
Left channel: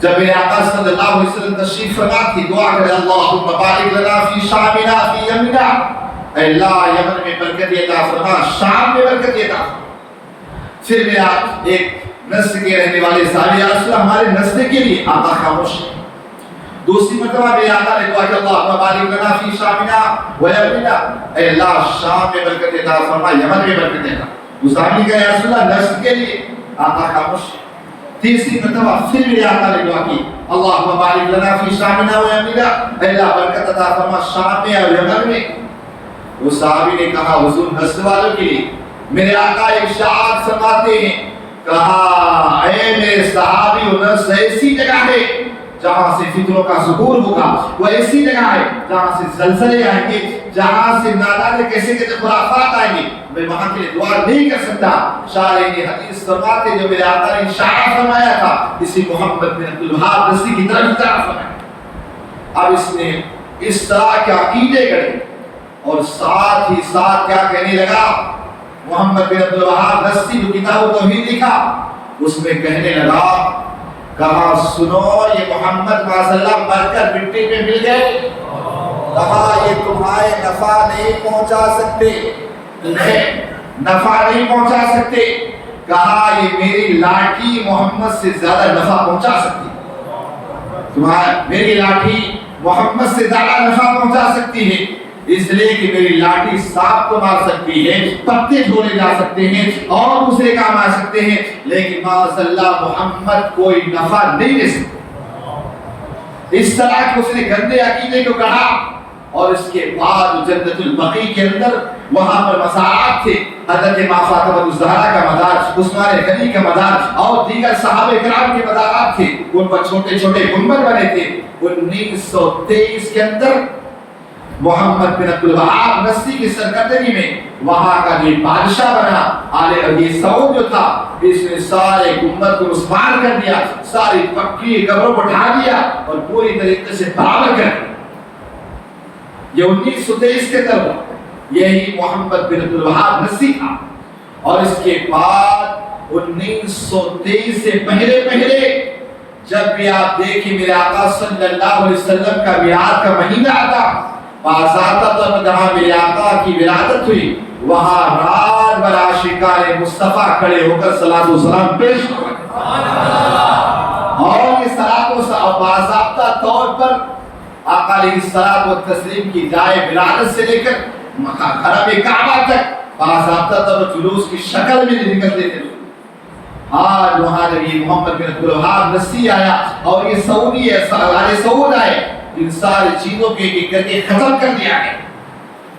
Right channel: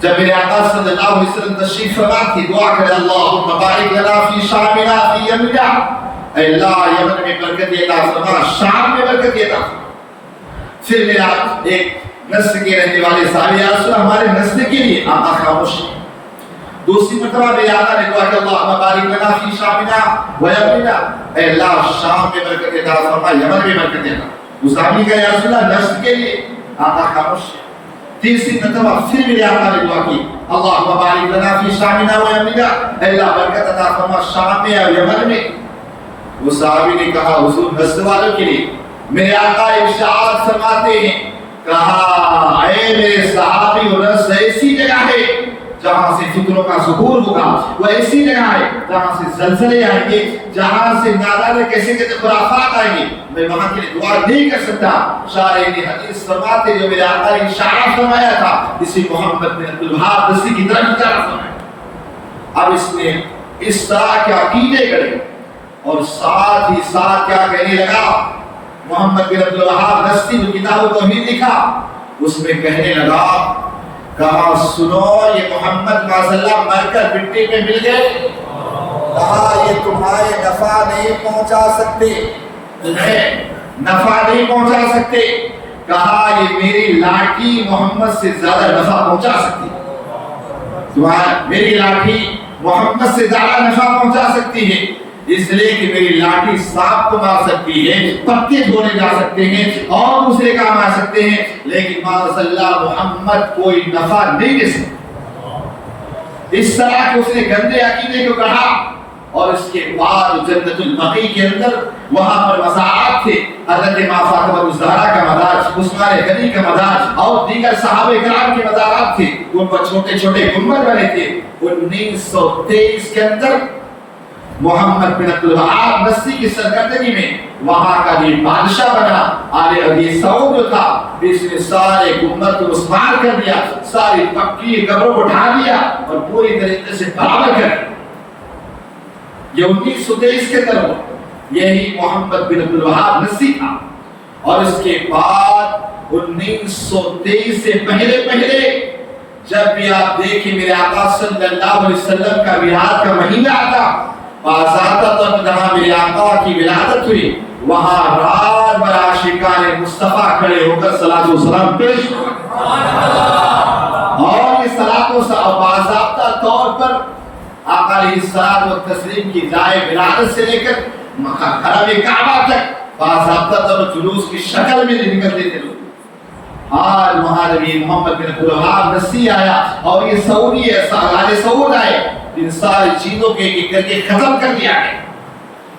جب میرے آقا صلی اللہ علیہ وسلم تشریف فرما تھی، دعا کرے اللہم بارک لنا فی شامنا فی یمنا، اے اللہ یمن میں برکت عطا فرما، شام میں برکت عطا فرما۔ پھر میرا ایک نسل کے رہنے والے صحابی یا رسول اللہ ہمارے نسل کے لیے آقا خاموش ہے۔ دوسری مرتبہ میرے آقا نے دعا کہ اللہم بارک لنا فی شامنا و یمنا، اے اللہ شام میں برکت عطا فرما، یمن میں برکت عطا۔ اس صحابی کا یا رسول اللہ نسل کے لیے آقا خاموش ہے۔ تیسری مرتبہ پھر میرے آقا نے دعا کی اللہم بارک لنا فی شامنا و یمنا، اے اللہ برکت عطا فرما شام میں اور یمن میں۔ وہ صحابی نے کہا حضور نسل والوں کے لیے۔ میرے آقا ارشاد فرماتے ہیں کہا اے میرے صحابی نسل ایسی جگہ ہے جہاں سے فکروں کا ظہور ہوگا، وہ ایسی جگہ ہے جہاں سے زلزلے آئیں گے، جہاں سے نادانے کیسے کیسے خرافات آئیں گے، میں وہاں کے لیے دعا نہیں کر سکتا۔ شارح حدیث فرماتے جو میرے آقا نے اشارہ فرمایا تھا اسی محمد بن عبد الوہاب رسی کی طرف اشارہ فرمایا۔ اب اس نے اس طرح کے عقیدے گڑے اور ساتھ ہی ساتھ کیا کہنے لگا، محمد بن عبد الوہاب رسی جو کتاب توحید لکھا اس میں کہنے لگا کہا سنو یہ محمد معاذاللہ مر کر مٹی میں مل گئے، کہا یہ تمہارے نفع نہیں پہنچا سکتے، تمہیں نفع نہیں پہنچا سکتے، کہا یہ میری لاٹھی محمد سے زیادہ نفع پہنچا سکتی، تمہارا میری لاٹھی محمد سے زیادہ نفع پہنچا سکتی ہے، اس لیے کہ میری لاٹھی سانپ کو مار سکتی ہے، پتے چھوڑے جا سکتے ہیں اور دوسرے کام آ سکتے ہیں، لیکن معاذاللہ محمد کوئی نفع نہیں دے سکتا۔ اس طرح کہ اس نے گندے عقیدے کو کہا۔ اور اس کے بعد جنت البقیع کے اندر وہاں پر مزارات تھے، حضرت ماں فاطمہ الزہرا کا مزار، عثمان غنی کا مزار اور دیگر صحابہ کرام کے مزارات تھے، ان پر چھوٹے چھوٹے گنبد بنے تھے۔ 1923 کے اندر محمد بن عبد الوہاب رسی کی سرگردگی میں وہاں کا یہ بادشاہ بنا آل ابی سعود جو تھا، اس نے سارے گنبد کو مسمار کر دیا، ساری پکی قبروں کو ڈھا دیا اور پوری طریقے سے برابر کر دیا۔ یہ 1923 کے اندر یہی محمد بن عبد الوہاب رسی تھا۔ اور اس کے بعد 1923 سے پہلے جب بھی آپ دیکھیں میرے آقا صلی اللہ علیہ وسلم کا میلاد کا مہینہ آتا، باضابطہ طور پر جہاں میرے آقا کی ولادت ہوئی وہاں رات بھر عاشقان مصطفیٰ کھڑے ہو کر صلاۃ و سلام پیش کرتے اور یہ صلاۃ و سلام باضابطہ طور پر آقا علیہ الصلوۃ والتسلیم کی جائے ولادت سے لے کر حرم کعبہ تک باضابطہ طور پر جلوس کی شکل میں نکلتے تھے۔ آج وہاں جب یہ محمد بن عبد الوہاب رسی آیا اور یہ سعودی سعود آئے، ان ساری چیزوں کے کر کے ختم کر دیا ہے۔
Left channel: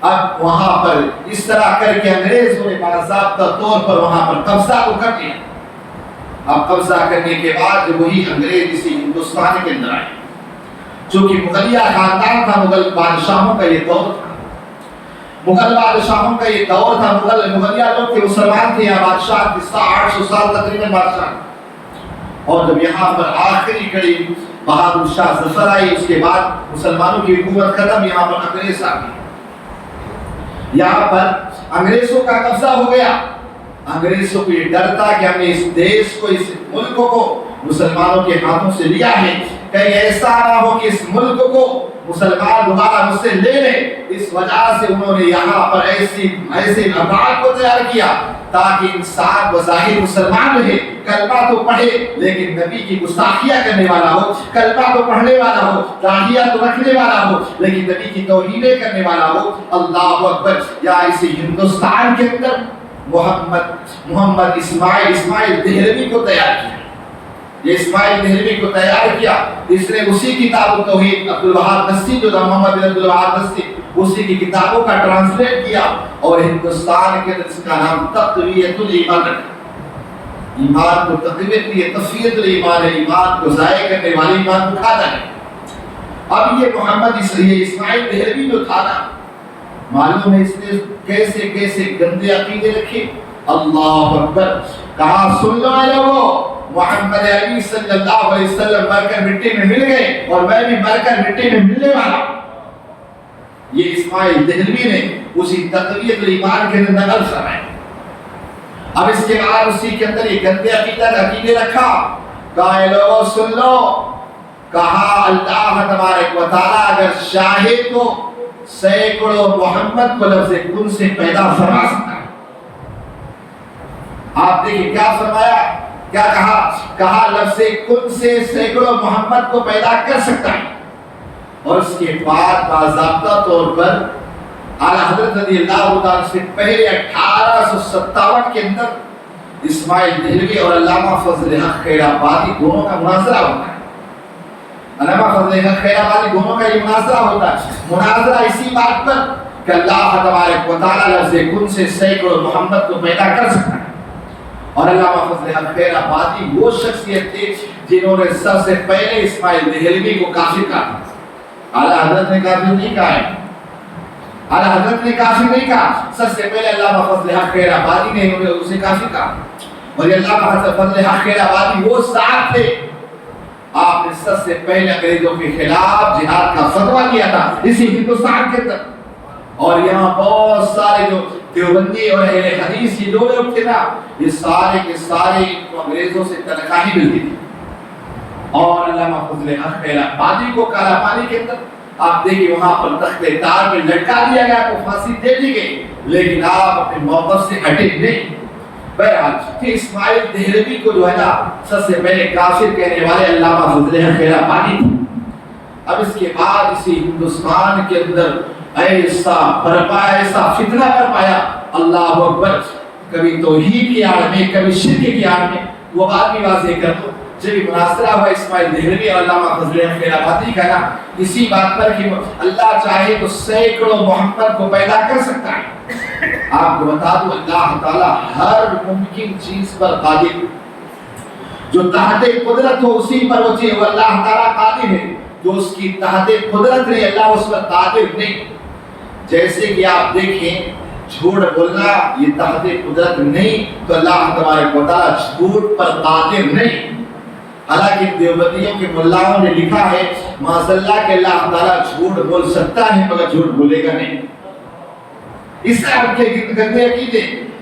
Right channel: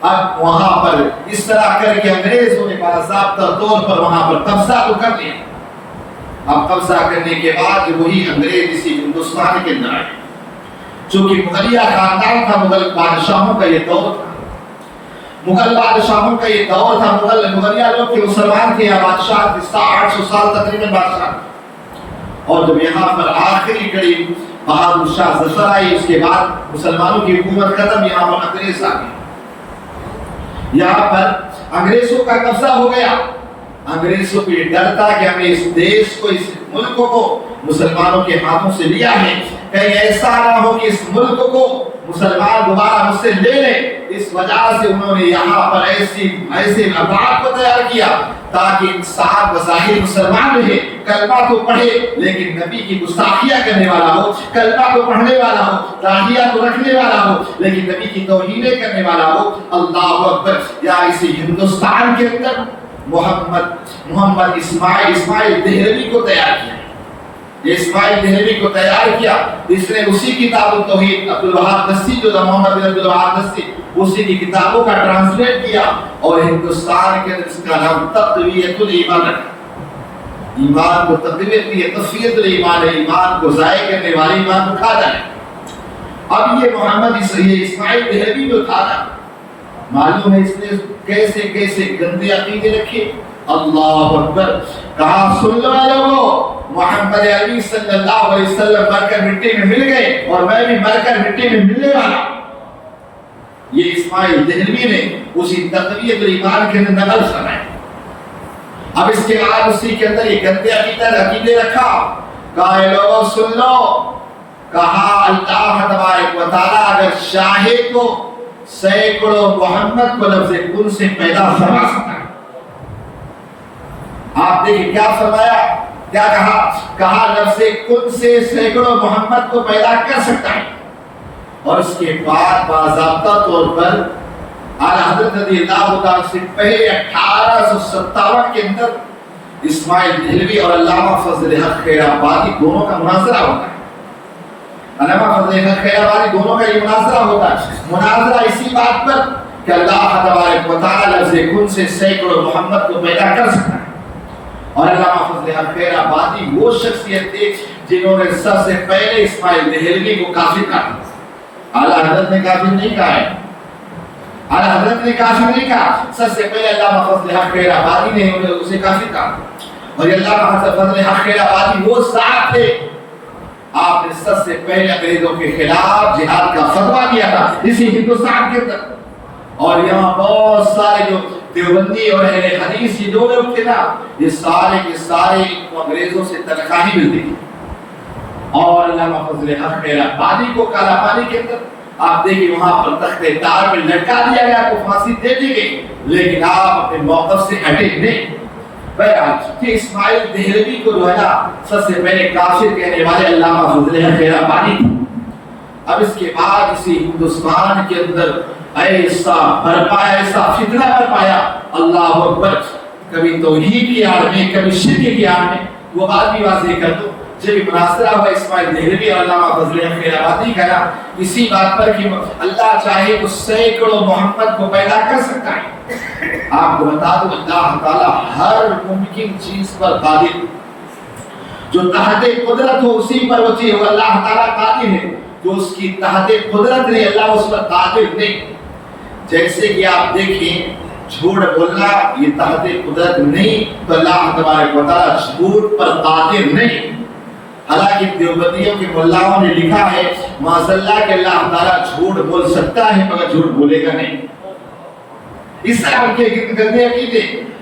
اب وہاں پر اس طرح کر کے انگریزوں نے باضابطہ طور پر وہاں پر قبضہ تو کر دیا۔ اب قبضہ کرنے کے بعد وہی انگریز اسی ہندوستان کے اندر آئے، چونکہ مغلیہ خاندان تھا، مغل بادشاہوں کا یہ دور تھا، مغل بادشاہوں کا یہ دور تھا۔ مغلیہ لوگ کے مسلمان تھے، یا بادشاہ 800 سال تقریباً بادشاہ، اور جب یہاں پر آخری کڑی بہادر شاہ ظفر آئی، اس کے بعد مسلمانوں کی حکومت ختم، یہاں پر انگریز آ گئے، یہاں پر انگریزوں کا قبضہ ہو گیا۔ انگریزوں کو یہ ڈر تھا کہ ہم نے اس دیش کو، اس ملک کو مسلمانوں کے ہاتھوں سے لیا ہے، کہیں ایسا نہ ہو کہ اس ملک کو مسلمان دوبارہ مجھ سے لے لیں۔ اس وجہ سے انہوں نے یہاں پر ایسے ابعاد کو تیار کیا تاکہ انسان بظاہر مسلمان رہے، کلمہ تو پڑھے لیکن نبی کی گستاخیاں کرنے والا ہو، کلمہ تو پڑھنے والا ہو، داڑھیاں تو رکھنے والا ہو لیکن نبی کی توہینیں کرنے والا ہو۔ اللہ اکبر! یا اسی ہندوستان کے اندر محمد اسماعیل دہلوی کو تیار کیا، یہ اسماعیل دہلوی کو تیار کیا، اس نے اسی کتاب التوحید عبدالوہاب دستی جو محمد بن عبدالوہاب دستی اسی کی کتابوں کا ٹرانسلیٹ کیا اور ہندوستان کے اندر اس کا نام تقویت الایمان رکھا۔ ایمان کو تقویت کی تقویت الایمان ہے، ایمان کو ضائع کرنے والے ایمان کو کھاتا ہے۔ اب یہ محمد اسماعیل دہلوی جو تھا نا، معلوم ہے اس نے کیسے کیسے گندے عقیدے رکھے۔ اللہ اکبر! کہا سن لو لوگوں، محمد عربی صلی اللہ علیہ وسلم مر کر مٹی میں مل گئے اور میں بھی مر کر مٹی میں ملنے والا۔ یہ اسماعیل دہلوی نے اسی تقویت الایمان کے نقل سنائے۔ اب اس کے بعد اسی کے اندر یہ گندے عقیدے رکھا۔ کہا لوگوں سن لو، کہا اللہ تبارک و تعالی اگر چاہے تو سینکڑوں محمد کو لفظ کن سے پیدا فرما سکتا ہے۔ آپ دیکھیں کیا فرمایا، کیا کہا؟ کہا لفظ کن سے سینکڑوں محمد کو پیدا کر سکتا ہے۔ اور اس کے بعد باضابطہ طور پر اعلیٰ حضرت رضی اللہ عنہ سے پہلے 1857 کے اندر اسماعیل دہلوی اور علامہ فضل حق خیر آبادی دونوں کا مناظرہ ہوتا ہے۔ علامہ فضل حق خیر آبادی دونوں کا یہ مناظرہ ہوتا ہے۔ مناظرہ اسی بات پر کہ اللہ تبارک و تعالی لفظ کن سے سینکڑوں محمد کو پیدا کر سکتا ہے۔ اور علامہ فضل حق خیر آبادی وہ شخصیت تھی جنہوں نے سب سے پہلے اسماعیل دہلوی کو کافر کہا۔ اعلیٰ حضرت نے کافر نہیں کہا ہے، اعلیٰ حضرت نے کافر نہیں کہا، سب سے پہلے علامہ فضل حق خیر آبادی نے اسے کافر کہا۔ اور علامہ فضل حق خیر آبادی وہ صاحب تھے، آپ نے سب سے پہلے انگریزوں کے خلاف جہاد کا فتویٰ دیا تھا اسی ہندوستان کے اندر۔ اور یہاں بہت سارے جو دیوبندی اور اہل حدیث یہ لوگ تھے نا، یہ سارے کے سارے کو انگریزوں سے تنخواہیں ملتی تھی۔ اور علامہ فضل حق خیر آبادی کو کالا پانی کے اندر آپ دیکھیں وہاں پر تخت تار میں لٹکا دیا گیا، کو پھانسی دے دی گئی، لیکن آپ اپنے موقف سے ہٹے نہیں۔ بہرحال کہ اسماعیل دہلوی کو جو ہے نا سب سے پہلے کافر کہنے والے علامہ فضل حق خیر آبادی تھے۔ اب اس کے بعد اسی ہندوستان کے اندر ایسا برپایا، ایسا فتنہ برپایا، اللہ اکبر! کبھی توحید کی آڑ میں، کبھی شرک کی آڑ میں۔ وہ بات بھی واضح کر دو، جب مناظرہ ہوا اسماعیل دہلوی اور علامہ فضل حق خیر آبادی کا نا، اسی بات پر کہ اللہ چاہے تو سینکڑوں محمد کو پیدا کر سکتا ہے۔ آپ کو بتا دو اللہ تعالیٰ ہر ممکن چیز پر قادر، جو تحت قدرت ہو اسی پر وہ چیز اللہ تعالیٰ قادر ہے، جو اس کی تحت قدرت نہیں اللہ اس پر قادر نہیں۔ جیسے کہ آپ دیکھیں جھوٹ بولنا یہ تحت قدرت نہیں تو اللہ تبارک و تعالیٰ جھوٹ پر قادر نہیں۔ حالانکہ دیوبندیوں کے ملاؤں نے لکھا ہے معاذ اللہ کہ اللہ تعالیٰ جھوٹ بول سکتا ہے مگر جھوٹ بولے گا نہیں۔ اس طرح ان کے گندے عقیدے،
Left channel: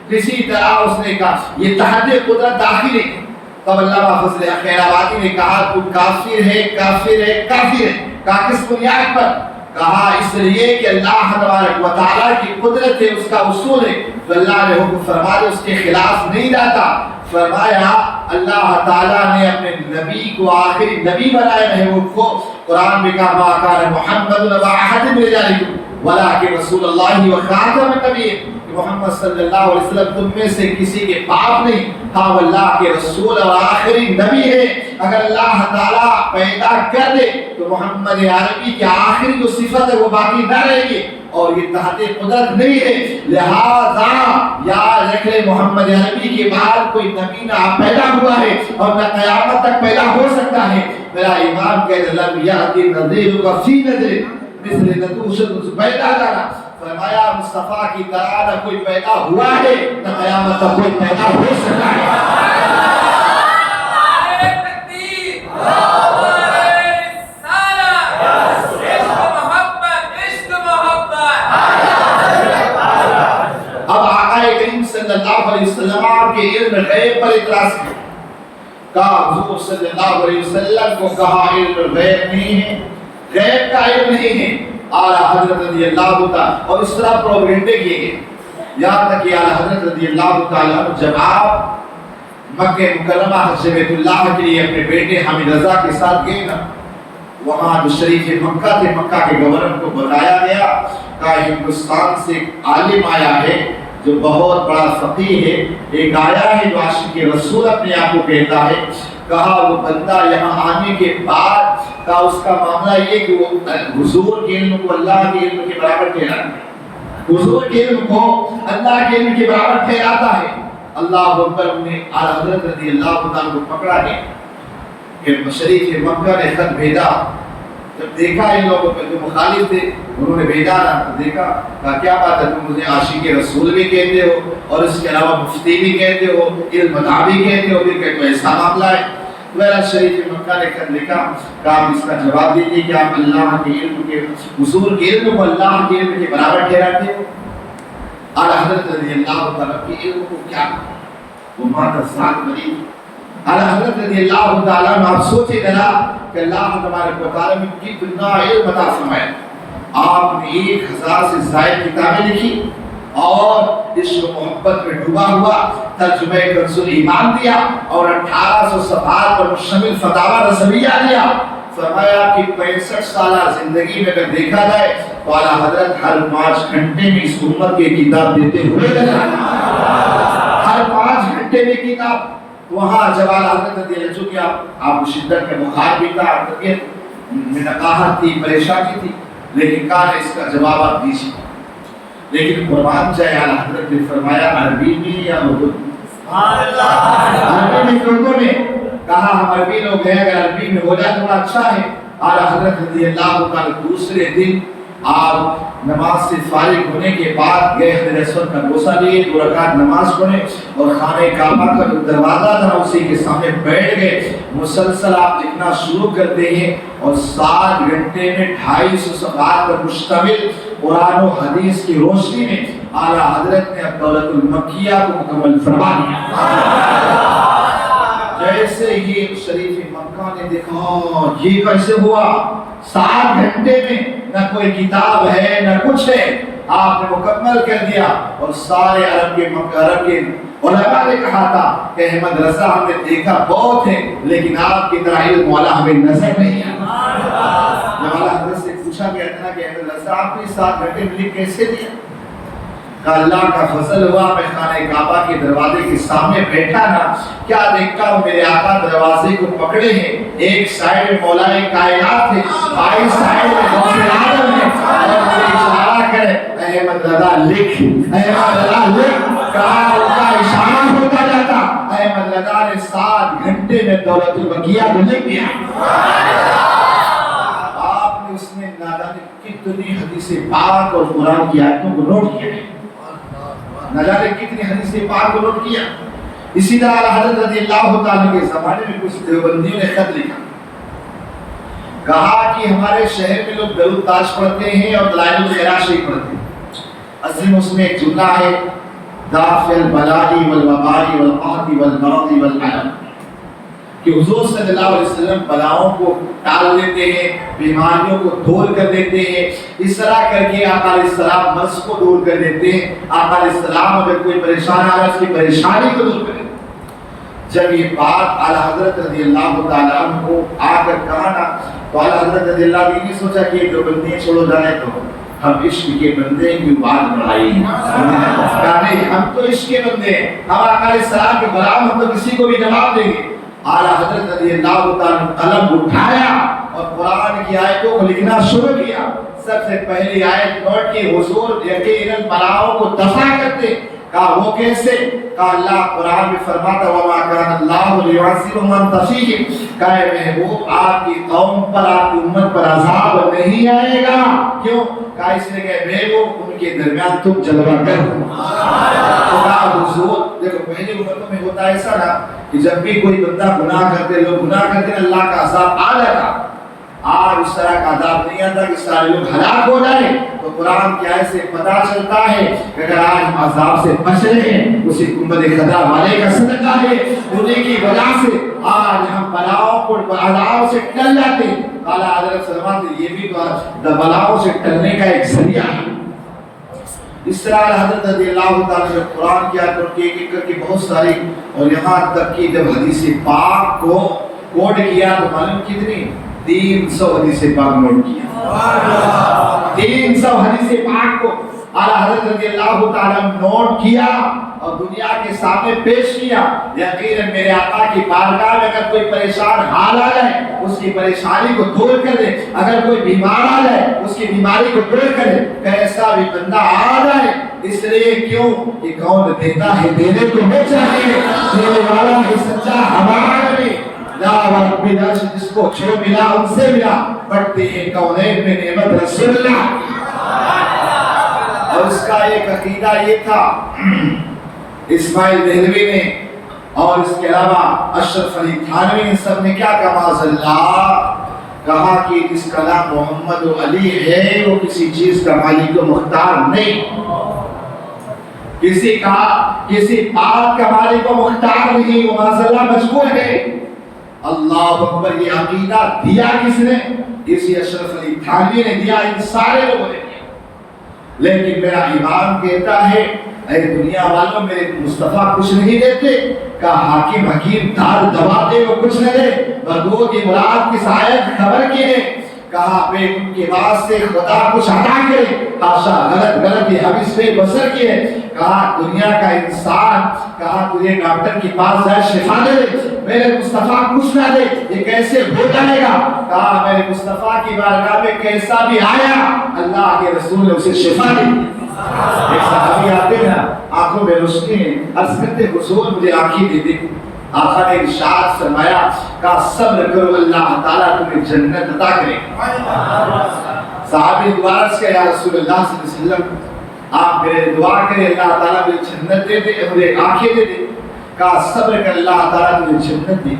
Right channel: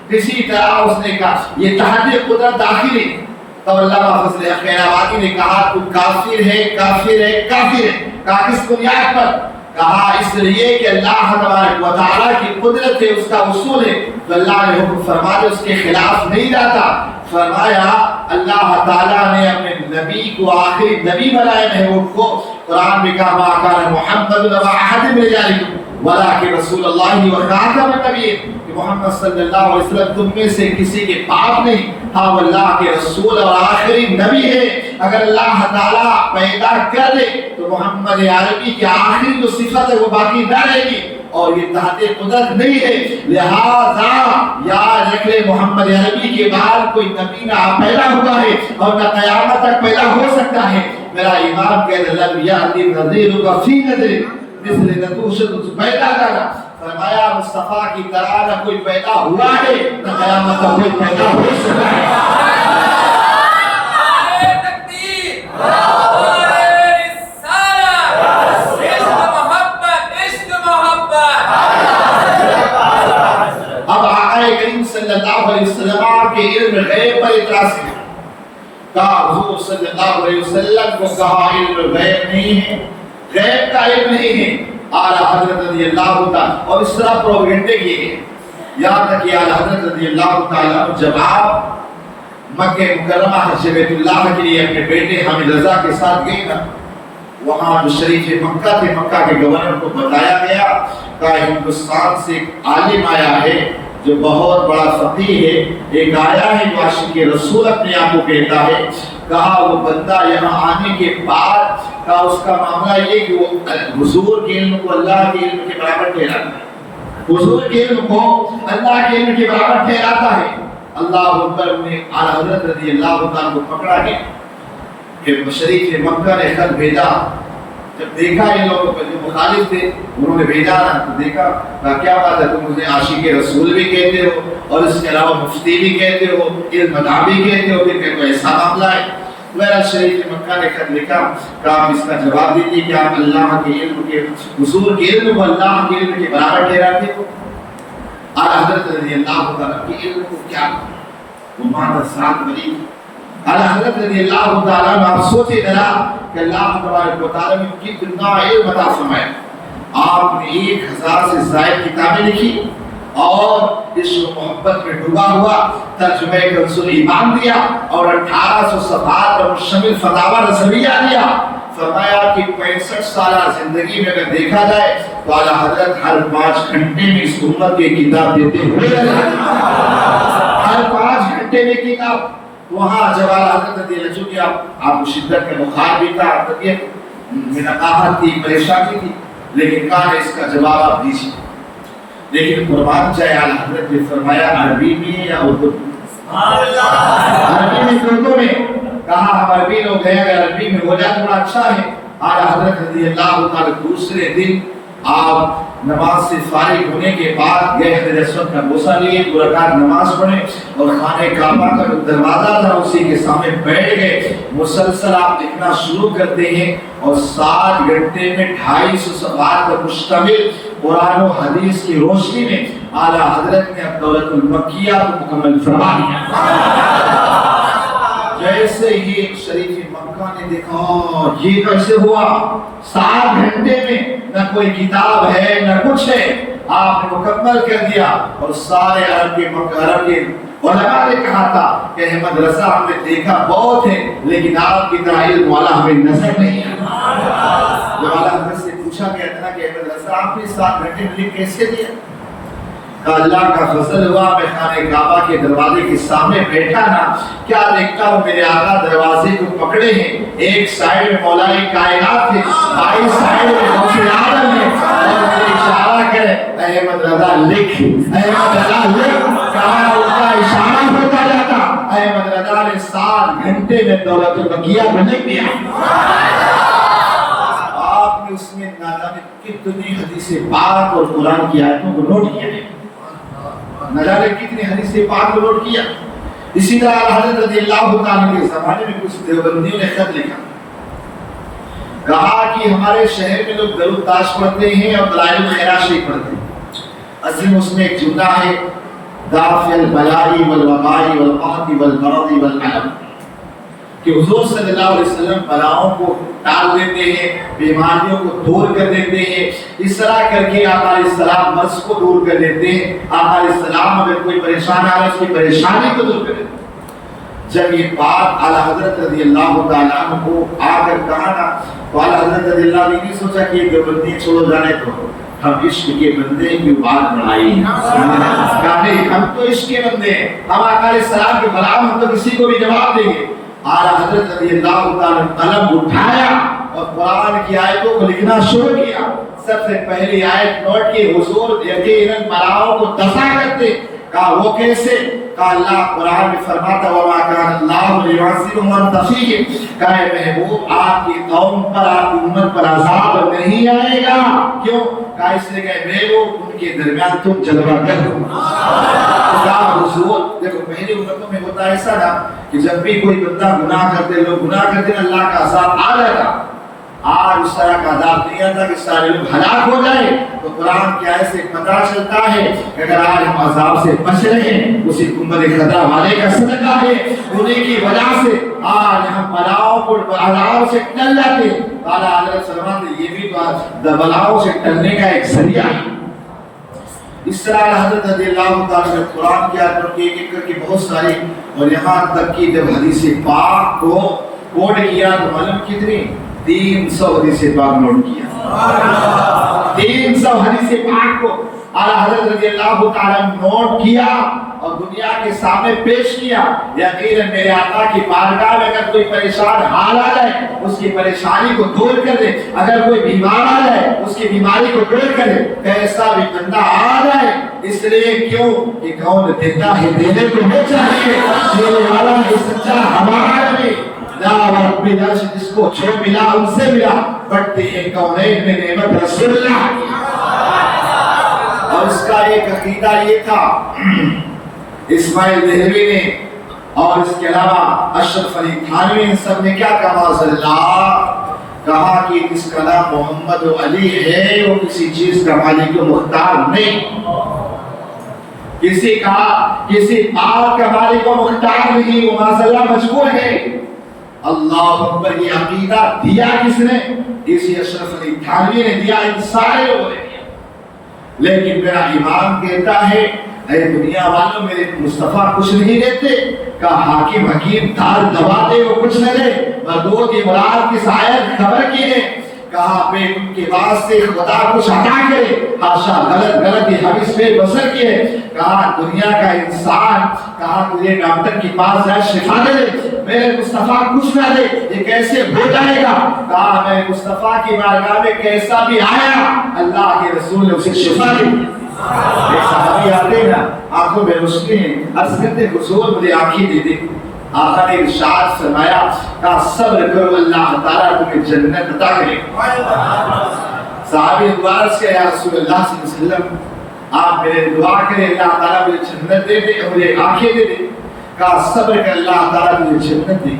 کسی طرح اس نے کہا یہ تحت قدرت داخل ہے۔ تب علامہ فضل حق خیر آبادی نے کہا تو کافر ہے کافر ہے کافر ہے۔ کہا کس بنیاد پر؟ کہا اس لیے کہ اللہ تبارک و تعالیٰ کی قدرت ہے، اس کا اصول ہے، تو اللہ نے حکم فرمایا اس کے خلاف نہیں جاتا۔ فرمایا اللہ تعالیٰ نے اپنے نبی کو آخری نبی بنائے محبوب کو، قرآن میں کہا ما کان محمد ابا احد من رجالکم ولکن رسول اللہ وخاتم النبیین، کہ محمد صلی اللہ علیہ وسلم تم میں سے کسی کے باپ نہیں، ہاں وہ اللہ کے رسول اور آخری نبی ہے۔ اگر اللہ تعالیٰ پیدا کر دے تو محمد عربی کی آخری جو صفت ہے وہ باقی نہ رہے گی، اور یہ تحت قدرت نہیں ہے۔ لہذا یاد رکھ لے محمد عربی کے بعد کوئی نبی نہ پیدا ہوا ہے اور نہ قیامت تک پیدا ہو سکتا ہے۔ میرا امام کہہ دے لم یأتی نذیر فی نذر مثل نتوشت پیدا جانا، فرمایا مصطفیٰ کی طرح نہ کوئی پیدا ہوا ہے نہ قیامت تک کوئی پیدا ہو سکتا ہے۔ صلی اللہ علیہ وسلم کے علم غیب پر اعتراض کیا، کہا حضور صلی اللہ علیہ وسلم کو کہا علم غیب نہیں ہے، غیب کا علم نہیں ہے۔ اعلیٰ حضرت رضی اللہ عنہ اور اس طرح پروپیگنڈے کیے گئے۔ یہاں تک کہ اعلیٰ حضرت رضی اللہ تعالیٰ عنہ جب آپ مکہ مکرمہ حج بیت اللہ کے لیے اپنے بیٹے حامد رضا کے ساتھ گئے نا، وہاں جو شریف مکہ تھے، مکہ کے گورنر کو بتایا گیا کہ ہندوستان سے ایک عالم آیا ہے جو بہت بڑا فقیہ ہے، ایک آیا ہے جو عاشق رسول اپنے آپ کو کہتا ہے۔ کہا وہ بندہ یہاں آنے کے بعد کہا اس کا معاملہ یہ کہ وہ حضور کے علم کو اللہ کے علم کے برابر ٹھہراتا ہے، حضور کے علم کو اللہ کے علم کے برابر ٹھہراتا ہے۔ اللہ اکبر نے اعلیٰ حضرت رضی اللہ تعالیٰ کو پکڑا گیا کہ شریف مکہ نے خط بھیجا۔ جب دیکھا یہ لوگ جو مخالف تھے انہوں نے بھیجا نا، تو دیکھا کہ کیا بات ہے، تم مجھے عاشق رسول بھی کہتے ہو اور اس کے علاوہ مفتی بھی کہتے ہو، علم مدعا بھی کہتے ہو، پھر کہ تو ایسا معاملہ ہے۔ میرا شریف مکہ نے خط لکھا کہ آپ اس کا جواب دیجیے کہ آپ اللہ کے علم کے حضور کے علم کو اللہ کے علم کے برابر ٹھہراتے ہو۔ اعلیٰ حضرت رضی اللہ تعالیٰ کے علم کو کیا وہ ماتا ساتھ بنی۔ اعلیٰ حضرت رضی اللہ تعالیٰ نے آپ سوچے ذرا کہ اللہ تبارک و تعالیٰ نے کتنا علم عطا فرمایا۔ آپ نے 1000 سے زائد کتابیں لکھی اور عشق و محبت میں ڈوبا ہوا ترجمہ کنز ایمان دیا اور 1800 صفحات پر مشتمل فتاوی رضویہ دیا۔ فرمایا کہ 65 سالہ زندگی میں اگر دیکھا جائے تو اعلیٰ حضرت ہر 5 گھنٹے میں اس امت کی کتاب دیتے ہوئے ہر 5 گھنٹے میں کتاب۔ وہاں جب اعلیٰ حضرت رضی اللہ عنہ کیا آپ کو شدت کا بخار بھی تھا، طبیعت میں نقاہت تھی، پریشانی تھی، لیکن کہا اس کا جواب آپ دیجیے۔ لیکن قربان جائے اعلیٰ حضرت نے فرمایا عربی میں یا اردو میں؟ عربی میں اردو میں؟ کہا ہم عربی لوگ ہیں، اگر عربی میں ہو جائے تھوڑا اچھا ہے۔ اعلیٰ حضرت رضی اللہ تعالیٰ دوسرے دن آپ نماز سے فارغ ہونے کے بعد گئے حضرت اسود کا بوسہ لیے، 2 رکعت نماز پڑھے اور خانہ کعبہ کا جو دروازہ تھا اسی کے سامنے بیٹھ گئے۔ مسلسل آپ لکھنا شروع کرتے ہیں اور 7 گھنٹے میں 250 صفحات پر مشتمل قرآن و حدیث کی روشنی میں اعلیٰ حضرت نے الدولۃ المکیہ کو مکمل فرما دیا۔ جیسے یہ شریف مکہ نے دیکھا یہ کیسے ہوا، 7 گھنٹے میں نہ کوئی کتاب ہے نہ کچھ ہے، آپ نے مکمل کر دیا۔ اور سارے عرب کے علماء نے کہا تھا کہ احمد رضا ہم نے دیکھا بہت ہے لیکن آپ کی طرح علم والا ہمیں نظر نہیں آیا۔ جب اعلیٰ حضرت سے پوچھا گیا تھا کہ احمد رضا آپ نے 7 گھنٹے میں کیسے دیا؟ کہ اللہ کا فضل ہوا، میں خانہ کعبہ کے دروازے کے سامنے بیٹھا نا، کیا دیکھتا ہوں میرے آقا دروازے کو پکڑے ہیں، ایک سائیڈ میں مولا کائنات ہے، بائی سائیڈ میں غوث اعظم ہے، اور مجھے اشارہ کرے احمد رضا لکھ، احمد رضا لکھ، کہا ان کا اشارہ ہوتا جاتا۔ احمد رضا نے 7 گھنٹے میں دولت المکیہ میں لکھ دیا۔ آپ نے اس میں نہ جانے کتنی حدیث پاک اور قرآن کی آیتوں کو نوٹ کیا ہے، نہ جانے کتنی حدیث پاک کو نوٹ کیا۔ اسی طرح حضرت رضی اللہ تعالیٰ کے زمانے میں کچھ دیوبندیوں نے خط لکھا، کہا کہ ہمارے شہر میں لوگ درود تاج پڑھتے ہیں اور دلائل الخیرات شریف پڑھتے ہیں۔ عظیم اس میں ایک جملہ ہے دافع البلاء والوباء والقحط والمرض والعلم، کہ حضور صلی اللہ علیہ وسلم بلاؤں کو ٹال دیتے ہیں، بیماریوں کو دور کر دیتے ہیں۔ اس طرح کر کے آقا علیہ السلام مرض کو دور کر دیتے ہیں۔ آقا علیہ السلام اگر کوئی پریشان آ رہا ہے اس کی پریشانی کو دور کر دیتے ہیں۔ جب یہ بات اعلیٰ حضرت رضی اللہ تعالیٰ عنہ کو آ کر کہا نا، تو اعلیٰ حضرت رضی اللہ عنہ نے سوچا کہ یہ دیوبندی چھوڑو جانے تو ہم عشق کے بندے ہیں، کیوں بات بڑھائی؟ نہیں، ہم تو عشق کے بندے ہیں، ہم آقا علیہ السلام کے بلاؤں ہم تو کسی کو بھی جواب دیں گے۔ اعلیٰ حضرت رضی اللہ تعالیٰ نے قلم اٹھایا اور قرآن کی آیتوں کو لکھنا شروع کیا۔ سب سے پہلی آیت نوٹ کی، حضور یقیناً بلاؤں کو دفع کرتے۔ کہا وہ کیسے؟ کہا اللہ قرآن میں فرماتا وَمَا كَانَ اللَّهُ لِيُعَذِّبَهُمْ وَأَنْتَ فِيهِمْ، کہا اے محبوب آپ کی قوم پر، آپ کی امت پر عذاب نہیں آئے گا۔ کیوں؟ کہا اس لیے کہ میرے لوگ ان کے درمیان تم جلوہ گر ہو۔ تو کہا حضور دیکھو پہلی امتوں میں ہوتا ایسا نا کہ جب بھی کوئی بندہ گناہ کرتے، لوگ گناہ کرتے، اللہ کا عذاب آ جاتا۔ آج اس طرح کا عذاب نہیں آتا کہ سارے لوگ ہلاک ہو جائیں۔ تو قرآن کی آیت سے پتہ چلتا ہے کہ اگر آج ہم عذاب سے بچ رہے ہیں اسی امت خطا والے کا صدقہ ہے، انہیں کی وجہ سے آج ہم بلاؤں کو عذاب سے ٹل جاتے ہیں۔ اعلیٰ حضرت فرماتے ہیں یہ بھی تو بلاؤں سے ٹلنے کا ایک ذریعہ ہے۔ اس طرح حضرت رضی اللہ تعالیٰ نے قرآن کی آیت کی ایک ایک کر کے بہت ساری، اور یہاں تک کہ جب حدیث پاک کو کوڈ کیا تو معلوم کتنی 300 حدیث پاک نوٹ کیا، 300 حدیث پاک کو اعلیٰ حضرت رضی اللہ تعالیٰ نے نوٹ کیا اور دنیا کے سامنے پیش کیا۔ یقیناً میرے آقا کی بارگاہ میں اگر کوئی پریشان حال آ جائے اس کی پریشانی کو دور کر دے، اگر کوئی بیمار آ جائے اس کی بیماری کو دور کر دے، کیسا بھی بندہ آ جائے، اس لیے کیوں کہ کون دیتا ہے دینے کو وہ چاہیے، دینے والا ہے سچا ہمارا بھی جس کو جو ملا ان سے ملا، بڑھتے ہیں کونین میں نعمت رسول اللہ۔ اور اس کا ایک عقیدہ یہ تھا، اسماعیل دہلوی نے اور اس کے علاوہ اشرف علی تھانوی ان سب نے کیا کہا، اللہ کہا کہ جس کا نام محمد علی ہے وہ کسی چیز کا مالک و مختار نہیں، کسی پاک کا مالک و مختار نہیں، وہ معذاللہ مجبور ہے۔ اللہ اکبر، یہ عقیدہ دیا کس نے؟ اسی اشرف علی تھانوی نے دیا، ان سارے لوگوں نے دیا۔ لیکن میرا امام کہتا ہے اے دنیا والوں میرے مصطفیٰ کچھ نہیں دیتے، کہا حاکم حکیم دار دوا دے وہ کچھ نہ دے، بدو کی مراد کی آیت خبر کی ہے، کہا بے ان کے واسطے خدا کچھ عطا کرے، حاشا غلط یہ حدیث پہ بسر کی ہے، کہا دنیا کا انسان، کہا تجھے ڈاکٹر کے پاس جائے شفا دے، میرے مصطفیٰ کچھ نہ دے یہ کیسے ہو جائے گا، کہا میرے مصطفیٰ کی بارگاہ میں کیسا بھی آیا اللہ کے رسول نے اسے شفا دی۔ ایک صحابی آتے ہیں آنکھوں میں روشنی ہے، عرض کرتے حضور مجھے آنکھیں دے دے، آقا نے ارشاد فرمایا کہا صبر کرو اللہ تعالیٰ تمہیں جنت عطا کرے۔ صحابی دعا عرض کیا یا رسول اللہ صلی اللہ علیہ وسلم آپ میرے دعا کریں اللہ تعالیٰ مجھے جنت دے دے، مجھے آنکھیں دے دے، کہا صبر کر اللہ تعالیٰ مجھے جنت دے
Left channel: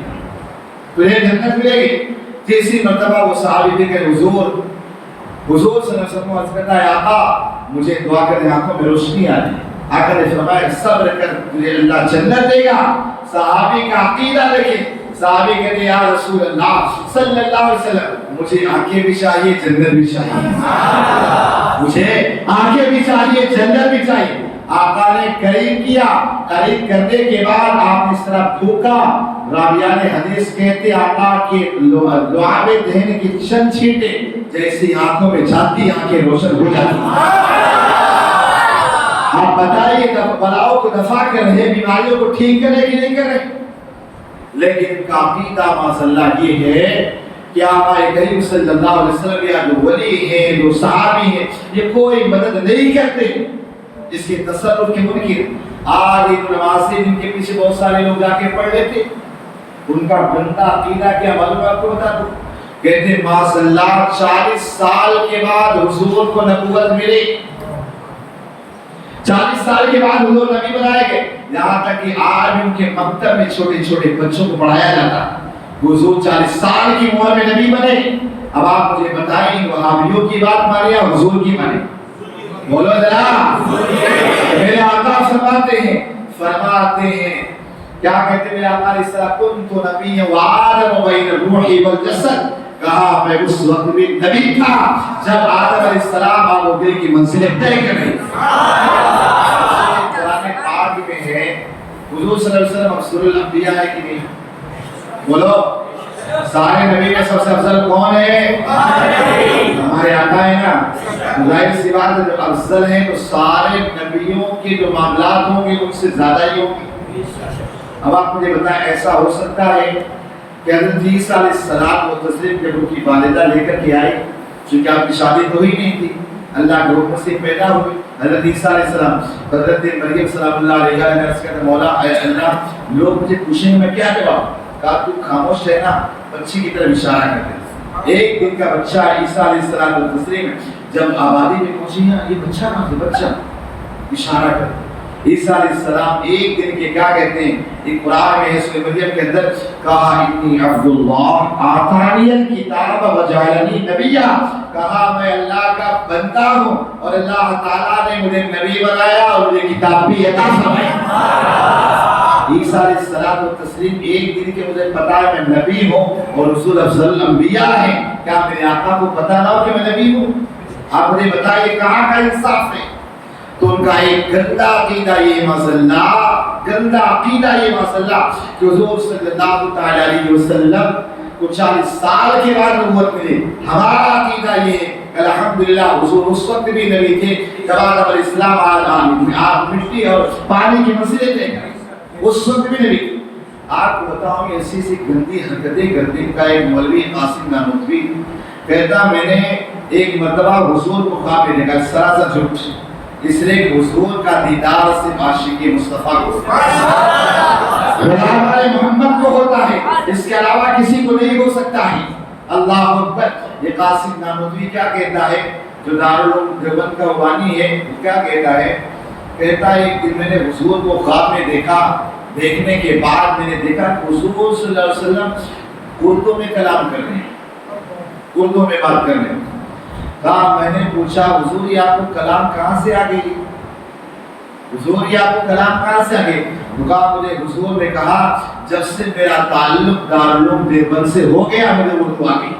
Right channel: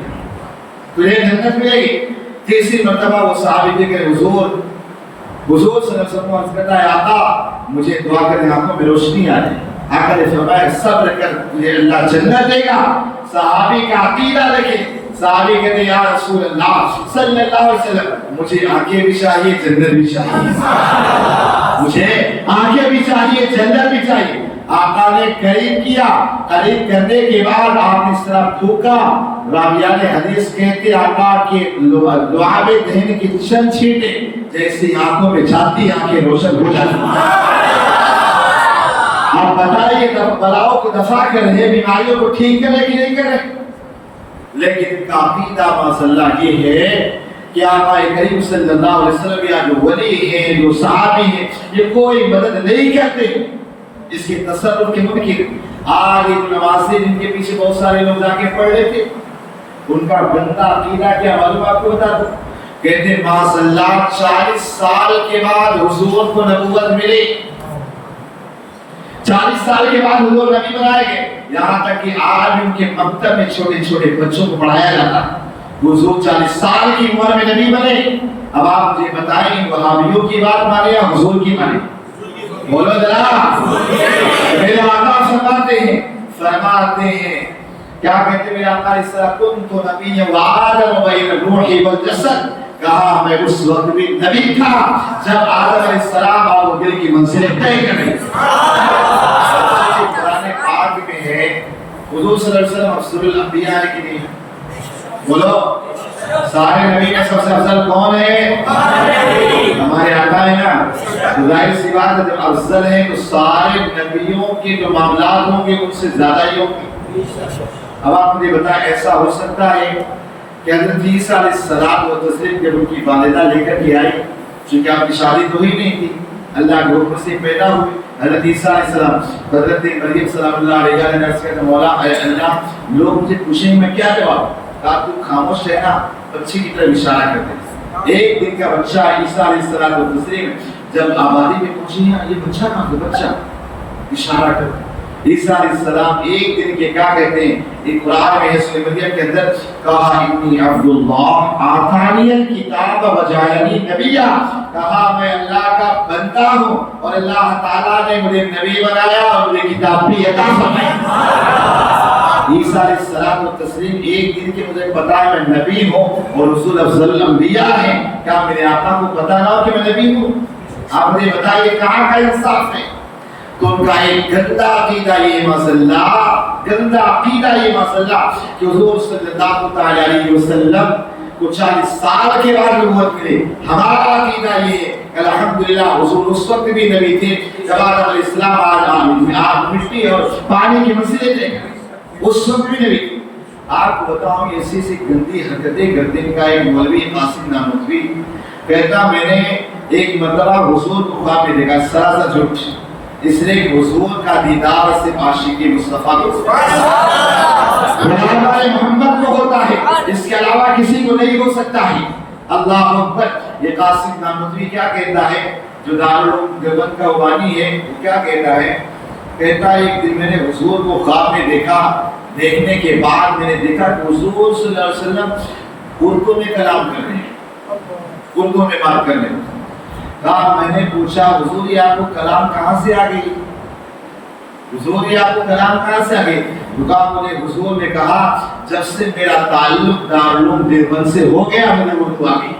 تجھے جنت ملے گی۔ تیسری مرتبہ وہ صحابی دے کہ حضور صلی اللہ علیہ وسلم عرض کرتا ہے آقا مجھے دعا کریں آنکھوں میں روشنی آ جائے، آقا نے فرمایا صبر کر تجھے اللہ جنت دے گا۔ صحابی کا عقیدہ دیکھیں، صحابی کہتے ہیں یا رسول اللہ صلی اللہ علیہ وسلم مجھے آنکھیں بھی چاہیے جنت بھی چاہیے، مجھے آنکھیں بھی چاہیے جنت بھی چاہیے۔ آقا نے قریب کیا، قریب کرنے کے بعد آپ اس طرح پھونکا، راویان حدیث کہتے آقا کے لعاب دہن کی چند چھینٹیں جیسے آنکھوں میں جاتی آنکھیں روشن ہو جاتی۔ آپ بتائیے بلاؤں کو دفع کر رہے، بیماریوں کو ٹھیک کرنے کی نہیں کرے، لیکن عقیدہ معذاللہ یہ ہے کہ آقا کریم صلی اللہ علیہ وسلم یا جو ولی ہیں جو صحابی ہیں یہ کوئی مدد نہیں کرتے، اس کے تصرف کے منکر۔ آج ایک نمازی جن کے پیچھے بہت سارے لوگ جا کے پڑھ لیتے، ان کا گندہ عقیدہ کیا معلوم آپ کو بتا دوں، کہتے معذاللہ 40 سال کے بعد حضور کو نبوت ملی، 40 سال کے بعد حضور نبی بنائے گئے، یہاں تک کہ آج ان کے مکتب میں چھوٹے چھوٹے بچوں کو پڑھایا جاتا، حضور 40 سال کی عمر میں نبی بنے۔ اب آپ مجھے بتائیں وہابیوں کی بات مانے یا حضور کی مانے؟ بولو ذرا۔ میرے آقا فرماتے ہیں کیا کہتے میرے آقا اس طرح کنت نبی وآدم بین الروح والجسد، کہا میں اس وقت بھی نبی تھا جب آدم علیہ السلام آپ و دل کی منزلیں طے کر گئی۔ قرآن پاک میں ہے حضور صلی اللہ علیہ وسلم افضل الانبیاء ہے کہ نہیں؟ بولو سارے نبی میں سب سے افضل کون ہے؟ ہمارے آقا ہے نا، ظاہر سی بات ہے جب افضل ہے تو سارے نبیوں کے جو معاملات ہوں گے ان سے زیادہ ہی ہوں گے۔ اب آپ مجھے بتائیں ایسا ہو سکتا ہے کہ حضرت عیسیٰ علیہ السلام و تسلیم جب ان کی والدہ لے کر کے آئی، چونکہ آپ کی شادی تو ہی نہیں تھی، اللہ کے حکم سے پیدا ہوئے حضرت عیسیٰ علیہ السلام، حضرت مریم سلام اللہ علیہ نے عرض کیا کہ مولا اے اللہ لوگ مجھے پوچھیں میں کیا جواب، کہا تو خاموش رہنا، بچے کی طرف اشارہ کرتے۔ ایک دن کا بچہ عیسیٰ علیہ السلام و تسلیم جب آبادی میں پوچھی یہ بچہ کہاں سے، بچہ اشارہ کرتے۔ عیسیٰ علیہ السلام ایک دن کے کیا کہتے ہیں، ایک قرآن میں ہے سورہ مریم کے اندر، کہا انی عبداللہ آتانی الکتاب وجعلنی نبیا، کہا میں اللہ کا بندہ ہوں اور اللہ تعالیٰ نے مجھے نبی بنایا اور مجھے کتاب بھی عطا فرمائی۔ عیسیٰ علیہ السلام و تسلیم ایک دن کے مجھے پتا ہے میں نبی ہوں اور رسول افضل الانبیاء ہیں، کیا میرے آقا کو پتا نہ ہو کہ میں نبی ہوں؟ آپ مجھے بتائیے کہاں کا انصاف ہے؟ تو ان کا ایک گندا عقیدہ یہ مزلہ، گندا عقیدہ یہ مزلہ کہ حضور صلی اللہ علیہ وسلم کو 40 سال کے بعد نبوت ملے. ہمارا عقیدہ یہ ہے الحمدللہ حضور اس وقت بھی نبی تھے جب آدم علیہ السلام آج مٹی اور پانی کے مسئلے تھے، اس وقت بھی نبی. آپ کو بتاؤں گے ایسی سی گندی حرکتیں کرتے کا ایک مولوی قاسم نانوتوی کہتا میں نے ایک مرتبہ حضور کو خواب میں دیکھا، سراسر جھوٹ، اس لیے حضور کا دیدار سے عاشق مصطفیٰ کو ہمارے محمد کو ہوتا ہے، اس کے علاوہ کسی کو نہیں ہو سکتا ہے. اللہ اکبر. یہ قاسم نانوتوی کیا کہتا ہے جو دارالعلوم دیوبند کا بانی ہے، وہ کیا کہتا ہے؟ کہتا ہے ایک دن میں نے حضور کو خواب میں دیکھا، دیکھنے کے بعد میں نے دیکھا کہ حضور صلی اللہ علیہ وسلم اردو میں کلام کر رہے ہیں، اردو میں بات کر رہے ہیں. کہا میں نے پوچھا حضور یہ آپ کو کلام کہاں سے آ گئی؟ حضور یہ آپ کو کلام کہاں سے آ گئی؟ کہا مجھے حضور نے کہا جب سے میرا تعلق دارالعلوم دیوبند سے ہو گیا مجھے اردو آ گئی.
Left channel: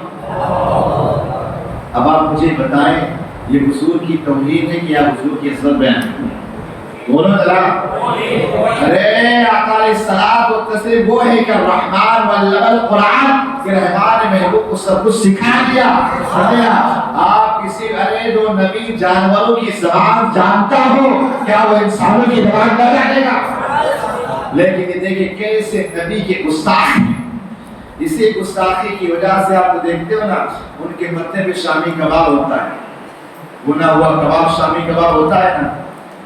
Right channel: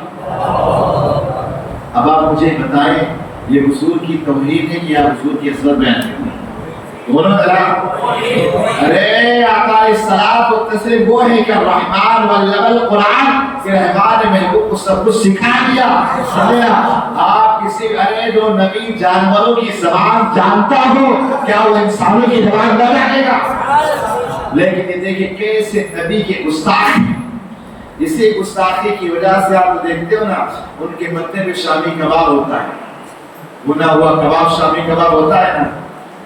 اب آپ مجھے بتائیں یہ حضور کی توحید ہے کہ یا حضور کی اصل بیان کرنی ہے؟ بولو ذرا. ارے آقا علیہ الصلوۃ والتسلیم وہ ہے کہ الرحمن علم القرآن، کہ رحمان نے محبوب کو سب کچھ سکھا دیا. آپ کسی ارے جو نبی جانوروں کی زبان جانتا ہو کیا وہ انسانوں کی زبان نہ جانے گا؟ لیکن یہ دیکھیں کیسے نبی کے گستاخ، اسی گستاخی کی وجہ سے آپ دیکھتے ہو نا ان کے متنے پہ شامی کباب ہوتا ہے، بنا ہوا کباب شامی کباب ہوتا ہے نا،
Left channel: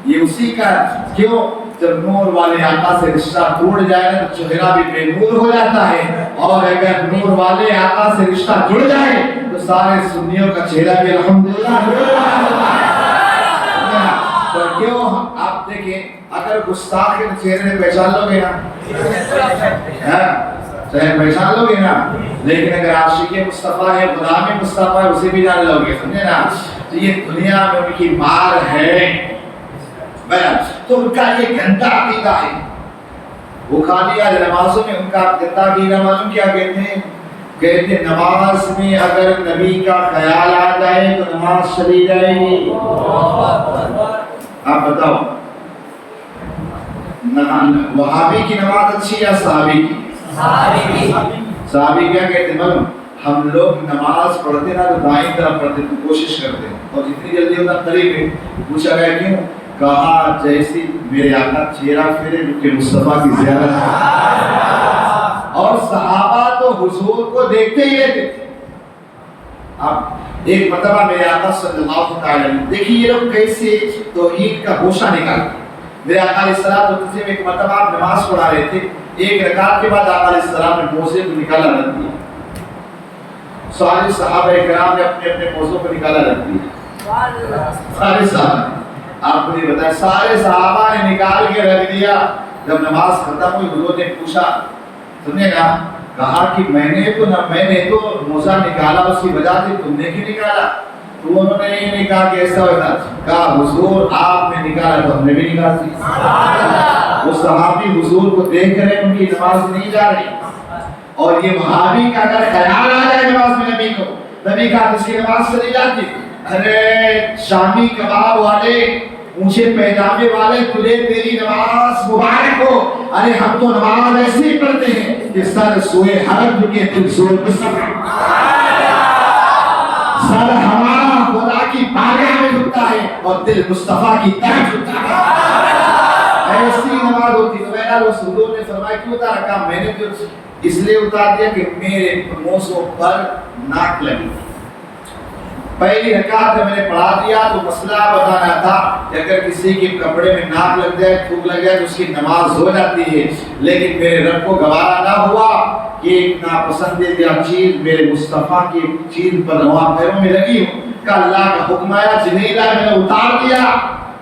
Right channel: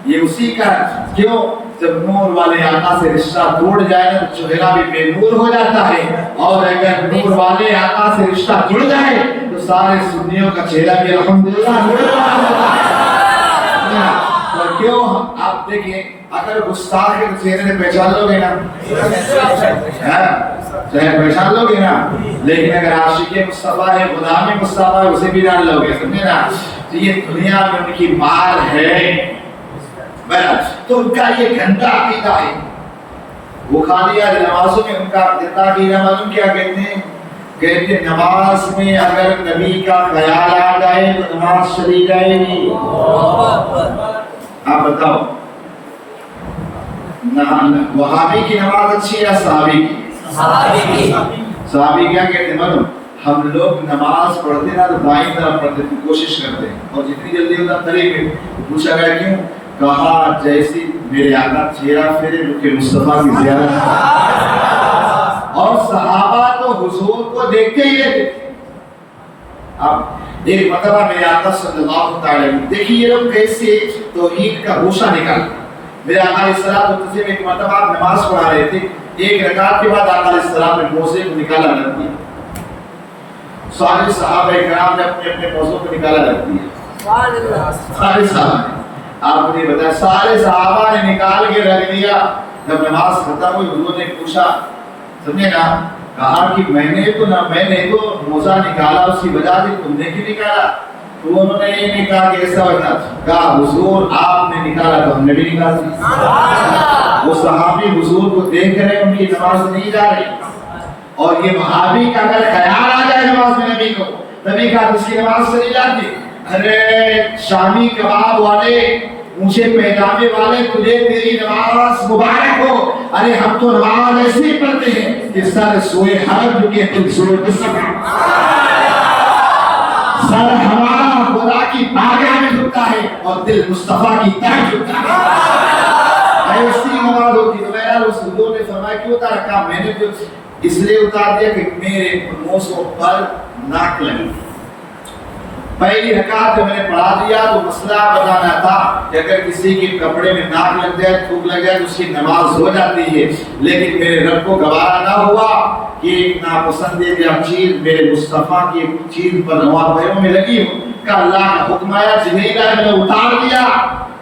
یہ اسی کا. کیوں؟ جب نور والے آقا سے رشتہ ٹوٹ جائے نا تو چہرہ بھی بے نور ہو جاتا ہے، اور اگر نور والے آقا سے رشتہ جڑ جائے تو سارے سنیوں کا چہرہ بھی الحمدللہ نور ہوتا ہے. تو کیوں آپ دیکھیں اگر گستاخ کے چہرے پہچان لو گے نا، چہرے پہچان لو گے نا، لیکن اگر عاشق مصطفیٰ ہے، غلام مصطفیٰ ہے، اسے بھی جان لو گے. سمجھے نا؟ تو یہ دنیا میں ان کی مار ہے. تو ان کا یہ گندا عقیدہ ہے. وہ خالی نمازوں میں ان کا گندا عقیدہ معلوم کیا کہتے ہیں؟ کہتے ہیں نماز میں اگر نبی کا خیال آ جائے تو نماز چلی جائے گی. آپ بتاؤ وہابی کی نماز اچھی ہے یا صحابی کی؟ صحابی کیا کہتے ہیں معلوم؟ ہم لوگ نماز پڑھتے نا تو دائیں طرف پڑھتے تھے، کوشش کرتے ہیں اور جتنی جلدی ہوتا قریب ہے. پوچھا گیا کیوں؟ کہا جیسی میرے آقا چہرہ پھیرے کہ مصطفیٰ کی زیارت. اور صحابہ تو حضور کو دیکھتے ہی رہتے تھے. اب ایک مرتبہ میرے آقا صلی اللہ علیہ وسلم، دیکھیے یہ لوگ کیسے توحید کا گوشہ نکالتے. میرے آقا علیہ السلام ایک مرتبہ آپ نماز پڑھا رہے تھے، ایک رکعت کے بعد آقا علیہ السلام نے موزے کو نکالا رکھ دیا. سارے صحابہ کرام نے اپنے اپنے موزوں کو نکالا رکھ دیا. سارے صحابہ آپ نے بتایا سارے صحابہ نے نکال کے رکھ دیا. جب نماز ختم ہوئی حضور نے پوچھا، سمجھے نا، کہا کہ میں نے تو موزہ نکالا اس کی وجہ سے تم نے کیوں نکالا؟ تو انہوں نے یہ نہیں کہا کہ ایسا ہوتا، کہا حضور آپ نے نکالا تو ہم نے بھی نکالا. وہ صحابی حضور کو دیکھ کر ان کی نماز نہیں جا رہی. اور یہ وہابی کا اگر خیال آ جائے نماز میں نبی کو، نبی کا اس کی نماز چلی جاتی. ارے شامی کباب والے، اونچے پیجامے والے، تجھے تیری نماز مبارک ہو. ارے ہم تو نماز ایسے پڑھتے ہیں کہ سر سوئے حرم کے دل سوئے جسم، سر ہمارا خدا کی بارگاہ میں جھکتا ہے اور دل مصطفیٰ کی طرف جھکتا ہے. ایسی نماز ہوتی. تو یار اس حضور نے فرمایا کیوں اتارا؟ کہا میں نے تو اس لیے اتار دیا کہ میرے موزوں پر ناک لگی. پہلی رکعت میں نے پڑھا دیا تو مسئلہ بتانا تھا کہ اگر کسی کے کپڑے میں ناک لگ جائے، تھوک لگ جائے تو اس کی نماز ہو جاتی ہے. لیکن میرے رب کو گوارا نہ ہوا کہ ایک ناپسندیدہ چیز میرے مصطفیٰ کی چیز پر نوار پیروں میں لگی ہوں. کہ اللہ کا حکم آیا جبریل میں نے اتار دیا.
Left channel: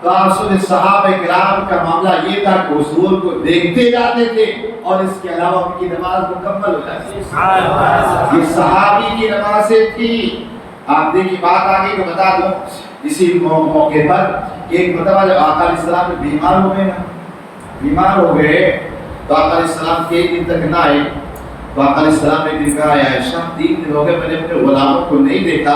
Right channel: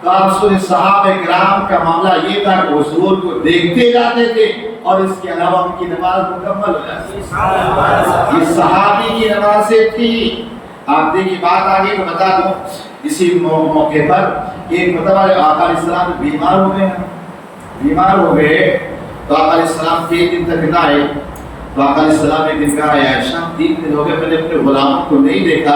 تو رسول صحابہ کرام کا معاملہ یہ تھا کہ حضور کو دیکھتے جاتے تھے اور اس کے علاوہ ان کی نماز مکمل ہو جاتی تھی. یہ صحابی کی نمازیں تھی. آپ دیکھیں بات آگے کو بتا دوں اسی موقع پر کہ ایک مرتبہ جب آقا علیہ السلام بیمار ہو گئے تو آقا علیہ السلام کے ایک دن تک نہ آئے. تو آقا علیہ السلام ایک دن کہا یا عائشہ 3 دن ہو گئے میں نے اپنے غلاموں کو نہیں دیکھا،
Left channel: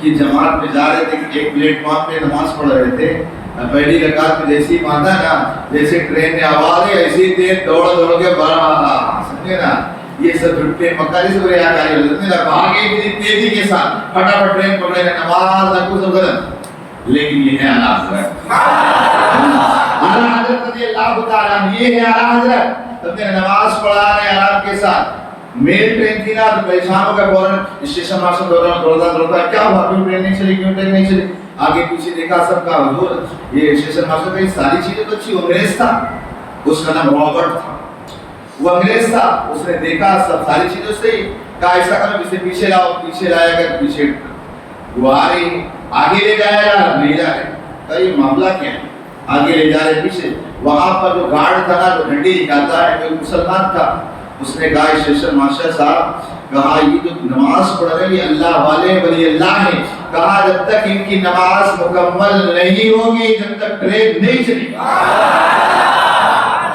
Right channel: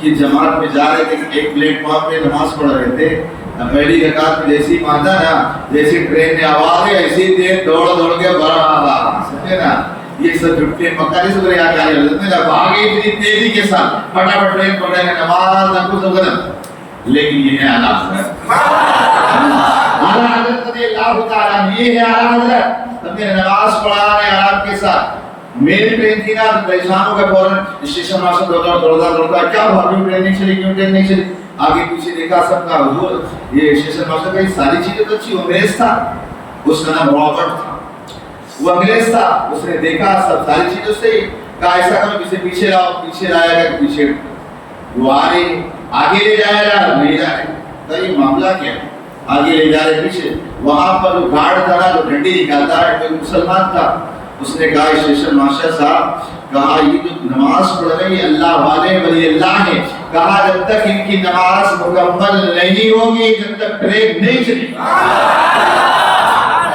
کہ جماعت میں جا رہے تھے، ایک پلیٹ فارم پہ نماز پڑھ رہے تھے، پہلی رکعت میں جیسے ہی مانتا نا، جیسے ٹرین میں آواز ہے ایسی دیر دوڑ کے بڑھا، سمجھے نا، یہ سب جھٹے مکاری سے رہا کاری ہوتے ہیں، بھاگے اتنی تیزی کے ساتھ پھٹافٹ ٹرین پکڑے ہیں، نماز نہ کچھ غلط، لیکن یہ ہے اعلیٰ حضرت، اعلیٰ حضرت رضی اللہ تعالیٰ، یہ ہے اعلیٰ حضرت، تم نے نماز پڑھا رہے آرام کے ساتھ۔ میری ٹرین تھی نا تو پریشان ہو گیا، فوراً اسٹیشن ماسٹر دوڑتا کیا ہوا، کیوں ٹرین نہیں چلی، کیوں ٹرین نہیں چلی، آگے پیچھے دیکھا سب کا حضور، یہ اسٹیشن ماسٹر کا یہ ساری چیزیں تو اچھی، انگریز تھا، اس کا نام رابرٹ تھا، وہ انگریز تھا، اس نے دیکھا سب ساری چیزیں صحیح، کہا ایسا کرو اسے پیچھے لاؤ، پیچھے لایا گیا، پیچھے وہ آ رہی، آگے لے جایا گا نہیں جا رہے، کہا یہ معاملہ کیا ہے، آگے لے جا رہے پیچھے، وہاں پر جو گارڈ تھا نا جو ڈنڈی نکالتا ہے، کوئی مسلمان تھا، اس نے کہا اسٹیشن ماسٹر صاحب، کہا یہ جو نماز پڑھ رہے ہیں اللہ والے ولی اللہ ہیں، کہا جب تک ان کی نماز مکمل نہیں ہوگی جب تک ٹرین نہیں چلے گی۔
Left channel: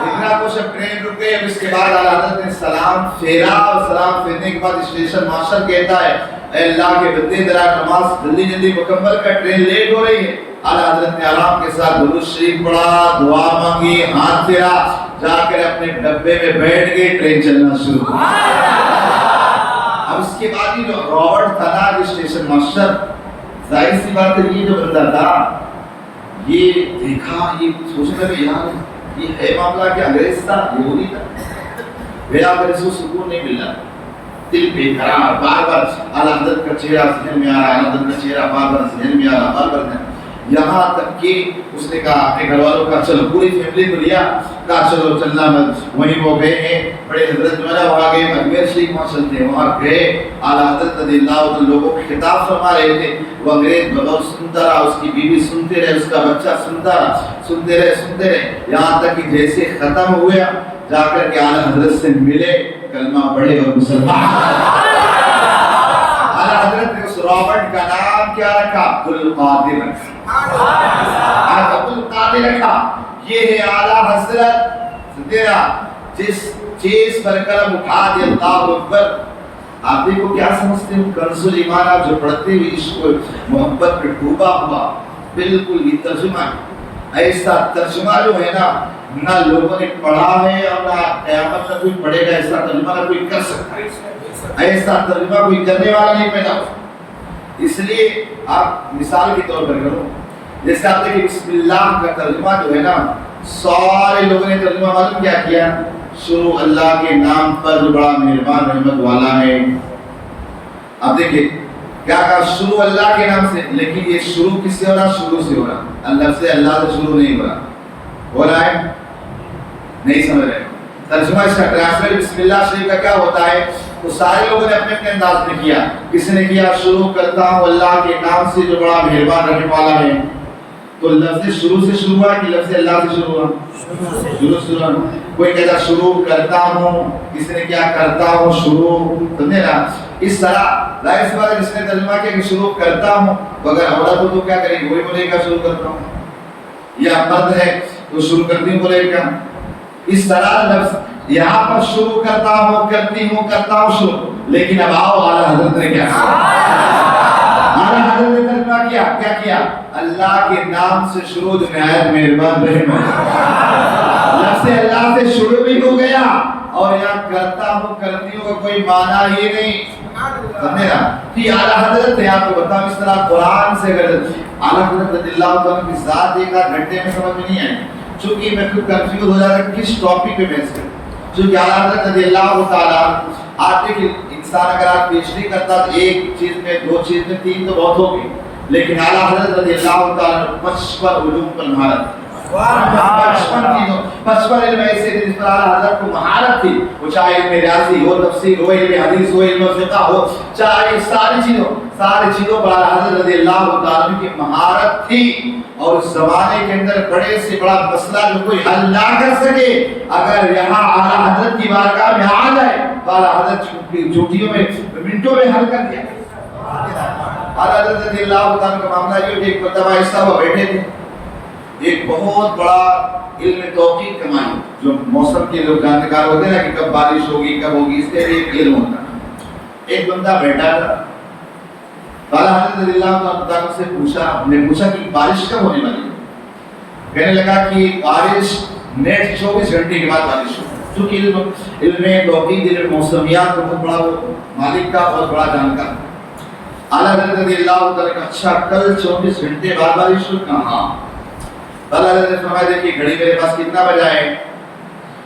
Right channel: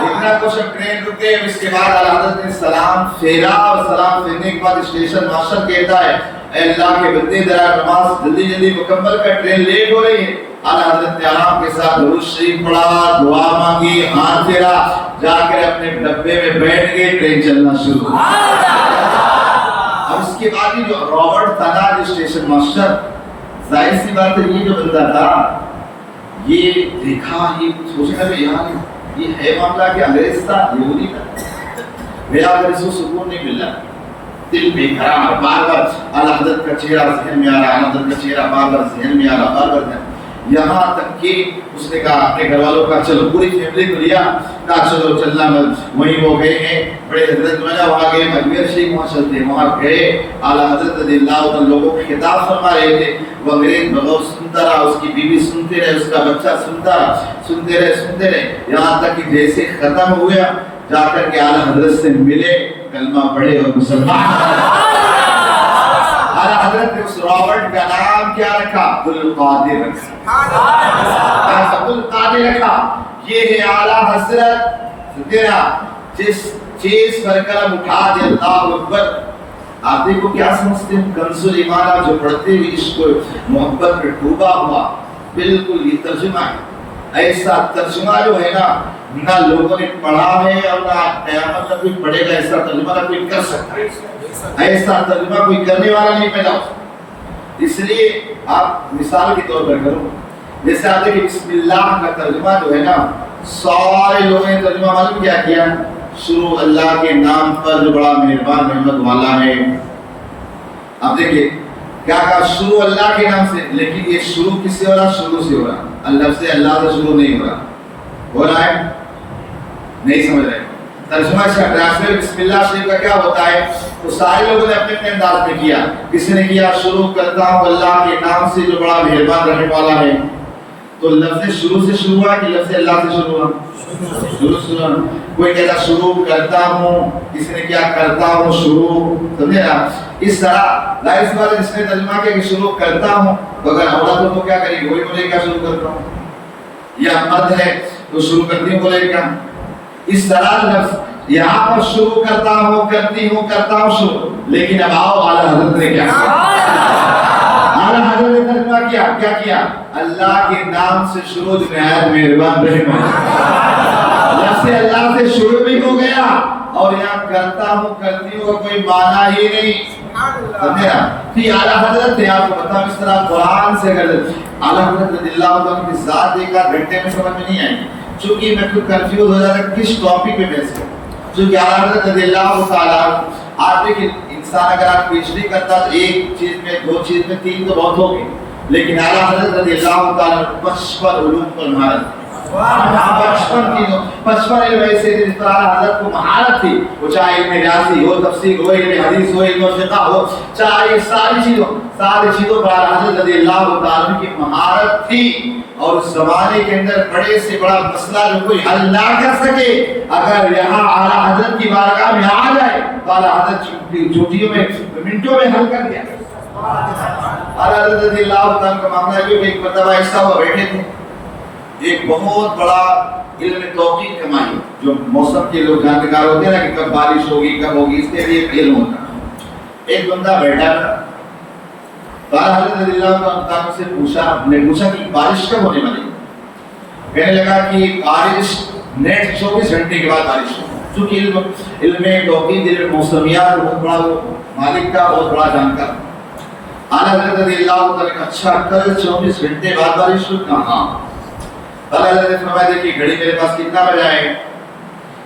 اتنا کچھ ٹرین رک گئے، اس کے بعد اعلیٰ حضرت نے سلام پھیرا، اور سلام پھیرنے کے بعد اسٹیشن ماسٹر کہتا ہے اے اللہ کے بندے ذرا نماز جلدی جلدی مکمل کر، ٹرین لیٹ ہو رہی ہے۔ اعلیٰ حضرت نے آرام کے ساتھ درود شریف پڑھا، دعا مانگی، ہاتھ پھیرا، جا کر اپنے ڈبے میں بیٹھ گئے، ٹرین چلنا شروع ہو۔ اب اس کے بعد یہ جو رابرٹ تھا نا جو اسٹیشن ماسٹر، ظاہر سی بات ہے یہ جو بندہ تھا یہ دیکھا، یہ سوچنے لگا یار یہ ہے معاملہ کہ انگریز تھا، یہودی تھا، میرا اگر اس کو سکون نہیں مل رہا، دل بے قرار، بار بار اعلیٰ حضرت کا چہرہ ذہن میں آ رہا، اعلیٰ حضرت کا چہرہ بار بار ذہن میں آ رہا، بار بار ذہن، یہاں تک کہ اس نے کہا اپنے گھر والوں کا چلو پوری فیملی کو لیا، کہا چلو چلنا، وہیں وہ گئے ہیں بڑے حضرت جو ہے نا وہاں گئے، اجمیر شریف وہاں چلتے ہیں، وہاں گئے، اعلیٰ حضرت رضی اللہ عنہ لوگوں کو خطاب فرما رہے تھے، وہ انگریز بغور سنتا رہا، اس کی بیوی سنتے رہے، اس کا بچہ سنتا رہا، سنتے رہے، یہاں تک کہ جیسے ختم ہوا جا کر کے اعلیٰ حضرت سے ملے، کلمہ پڑھے اور مسلمان۔ اعلیٰ حضرت نے اس رابرٹ کا نام کیا رکھا؟ عبد القادر رکھا، عبد القادر رکھا۔ یہ ہے اعلیٰ حضرت تیرا جس چیز پر قلم اٹھا دے، اللہ اکبر۔ آپ دیکھو کیا سمجھتے ہیں، کنز الایمان آپ جو پڑھتے ہوئے عشق و محبت میں ڈوبا ہوا، بالکل یہ ترجمہ ہے، ایسا ترجمہ جو ہے نا نہ لوگوں نے پڑھا ہے اور نہ قیامت میں کوئی پڑھے گا، ایسا ترجمہ نہ کوئی کر سکتا ہے، ایسا ترجمہ کوئی کرنے والا نہیں پیدا ہو۔ اس لیے آپ مثال کے طور پر کرو، جیسے آپ دیکھیں بسم اللہ کا ترجمہ جو ہے نا سارے لوگوں نے ترجمہ معلوم کیا کیا، شروع اللہ کے نام پر جو بڑا مہربان رحمت والا ہے۔ آپ دیکھیں کیا کہا، شروع اللہ کے نام سے، لیکن یہ شروع کس سے ہو رہا؟ شروع سے ہو رہا، اللہ سے شروع نہیں ہو رہا، ہو رہا ہے نہیں سمجھ رہے۔ ترجمہ اس کا ٹرانسلیٹ بسم اللہ شریف کا کیا ہوتا ہے، تو سارے لوگوں نے اپنے انداز میں کیا، کسی نے کیا شروع کرتا ہوں اللہ کے نام سے جو بڑا مہربان رحمت والا ہے، تو لفظ شروع سے شروع ہوا کہ لفظ اللہ سے شروع ہوا؟ شروع سے شروع۔ کوئی کہتا شروع کرتا ہوں، کسی نے کیا کرتا ہوں شروع، سمجھے نا؟ اس طرح ظاہر سی بات ہے جس نے ترجمہ کیا کہ شروع کرتا ہوں، تو اگر عورت ہو تو کیا کرے، وہی بولے گا شروع کرتا ہوں، یا مرد ہے وہ شروع کرتی ہوں بولے گا۔ اس طرح لفظ یہاں پر شروع کرتا ہوں کرتی ہوں کرتا ہوں شروع، لیکن اب آؤ اعلیٰ حضرت نے کیا اعلیٰ حضرت نے ترجمہ کیا، کیا کیا؟ اللہ کے نام سے شروع جو نہایت مہربان رحیم، لفظ اللہ سے شروع بھی ہو گیا، اور یہاں کرتا ہوں کرتی ہوں کا کوئی معنی ہی نہیں، سمجھے نا؟ کہ اعلیٰ حضرت نے آپ کو بتاؤں اس طرح قرآن سے اگر اعلیٰ حضرت رضی اللہ عنہ کی ذات ایک آدھ گھنٹے میں سمجھ میں نہیں آئی، چونکہ میں خود کنفیوز ہو جاتا ہے کس ٹاپک پہ بحث کروں، چونکہ اعلیٰ حضرت رضی اللہ تعالیٰ آپ دیکھیں انسان اگر آپ پی ایچ ڈی کرتا تو ایک چیز میں، دو چیز میں، تین تو بہت ہوگی، لیکن اعلیٰ حضرت رضی اللہ تعالیٰ 55 علوم پر مہارت تھی، 55 علم ایسے تھے جس پر اعلیٰ حضرت کو مہارت تھی، وہ چاہے علم ریاضی ہو، تفسیر ہو، علم حدیث ہو، علم فقہ ہو، چاہے ساری چیزوں پر اعلیٰ حضرت رضی اللہ تعالیٰ کی مہارت تھی، اور اس زمانے کے اندر بڑے سے بڑا مسئلہ جو کوئی حل نہ کر سکے، اگر یہاں اعلیٰ حضرت کی بارگاہ میں آ جائے تو اعلیٰ حضرت چھوٹیوں میں منٹوں میں حل کر دیا۔ اعلیٰ حضرت رضی اللہ تعالیٰ کا معاملہ ہے کہ ایک مرتبہ ایسا وہ بیٹھے تھے، ایک بہت بڑا علم توقیق کمائی، جو موسم کے لوگ جانکار ہوتے ہیں نا کہ کب بارش ہوگی کب ہوگی، اس کے لیے ایک علم ہوتا ہے۔ ایک بندہ بیٹھا تھا، حضرت رضی اللہ عنہ سے پوچھا کہ بارش کب ہونے والی؟ کہنے لگا کہ بارش نیٹ 24 گھنٹے کے بعد بارش ہو. چونکہ علم توحید علم موسمیات کا بہت بڑا مالک کا بہت بڑا جانکار. اعلیٰ حضرت رضی اللہ عنہ اچھا کل 24 گھنٹے بعد بارش ہو؟ کہاں. اعلیٰ حضرت نے فرمایا دیکھیے گھڑی میرے پاس کتنا بجا ہے؟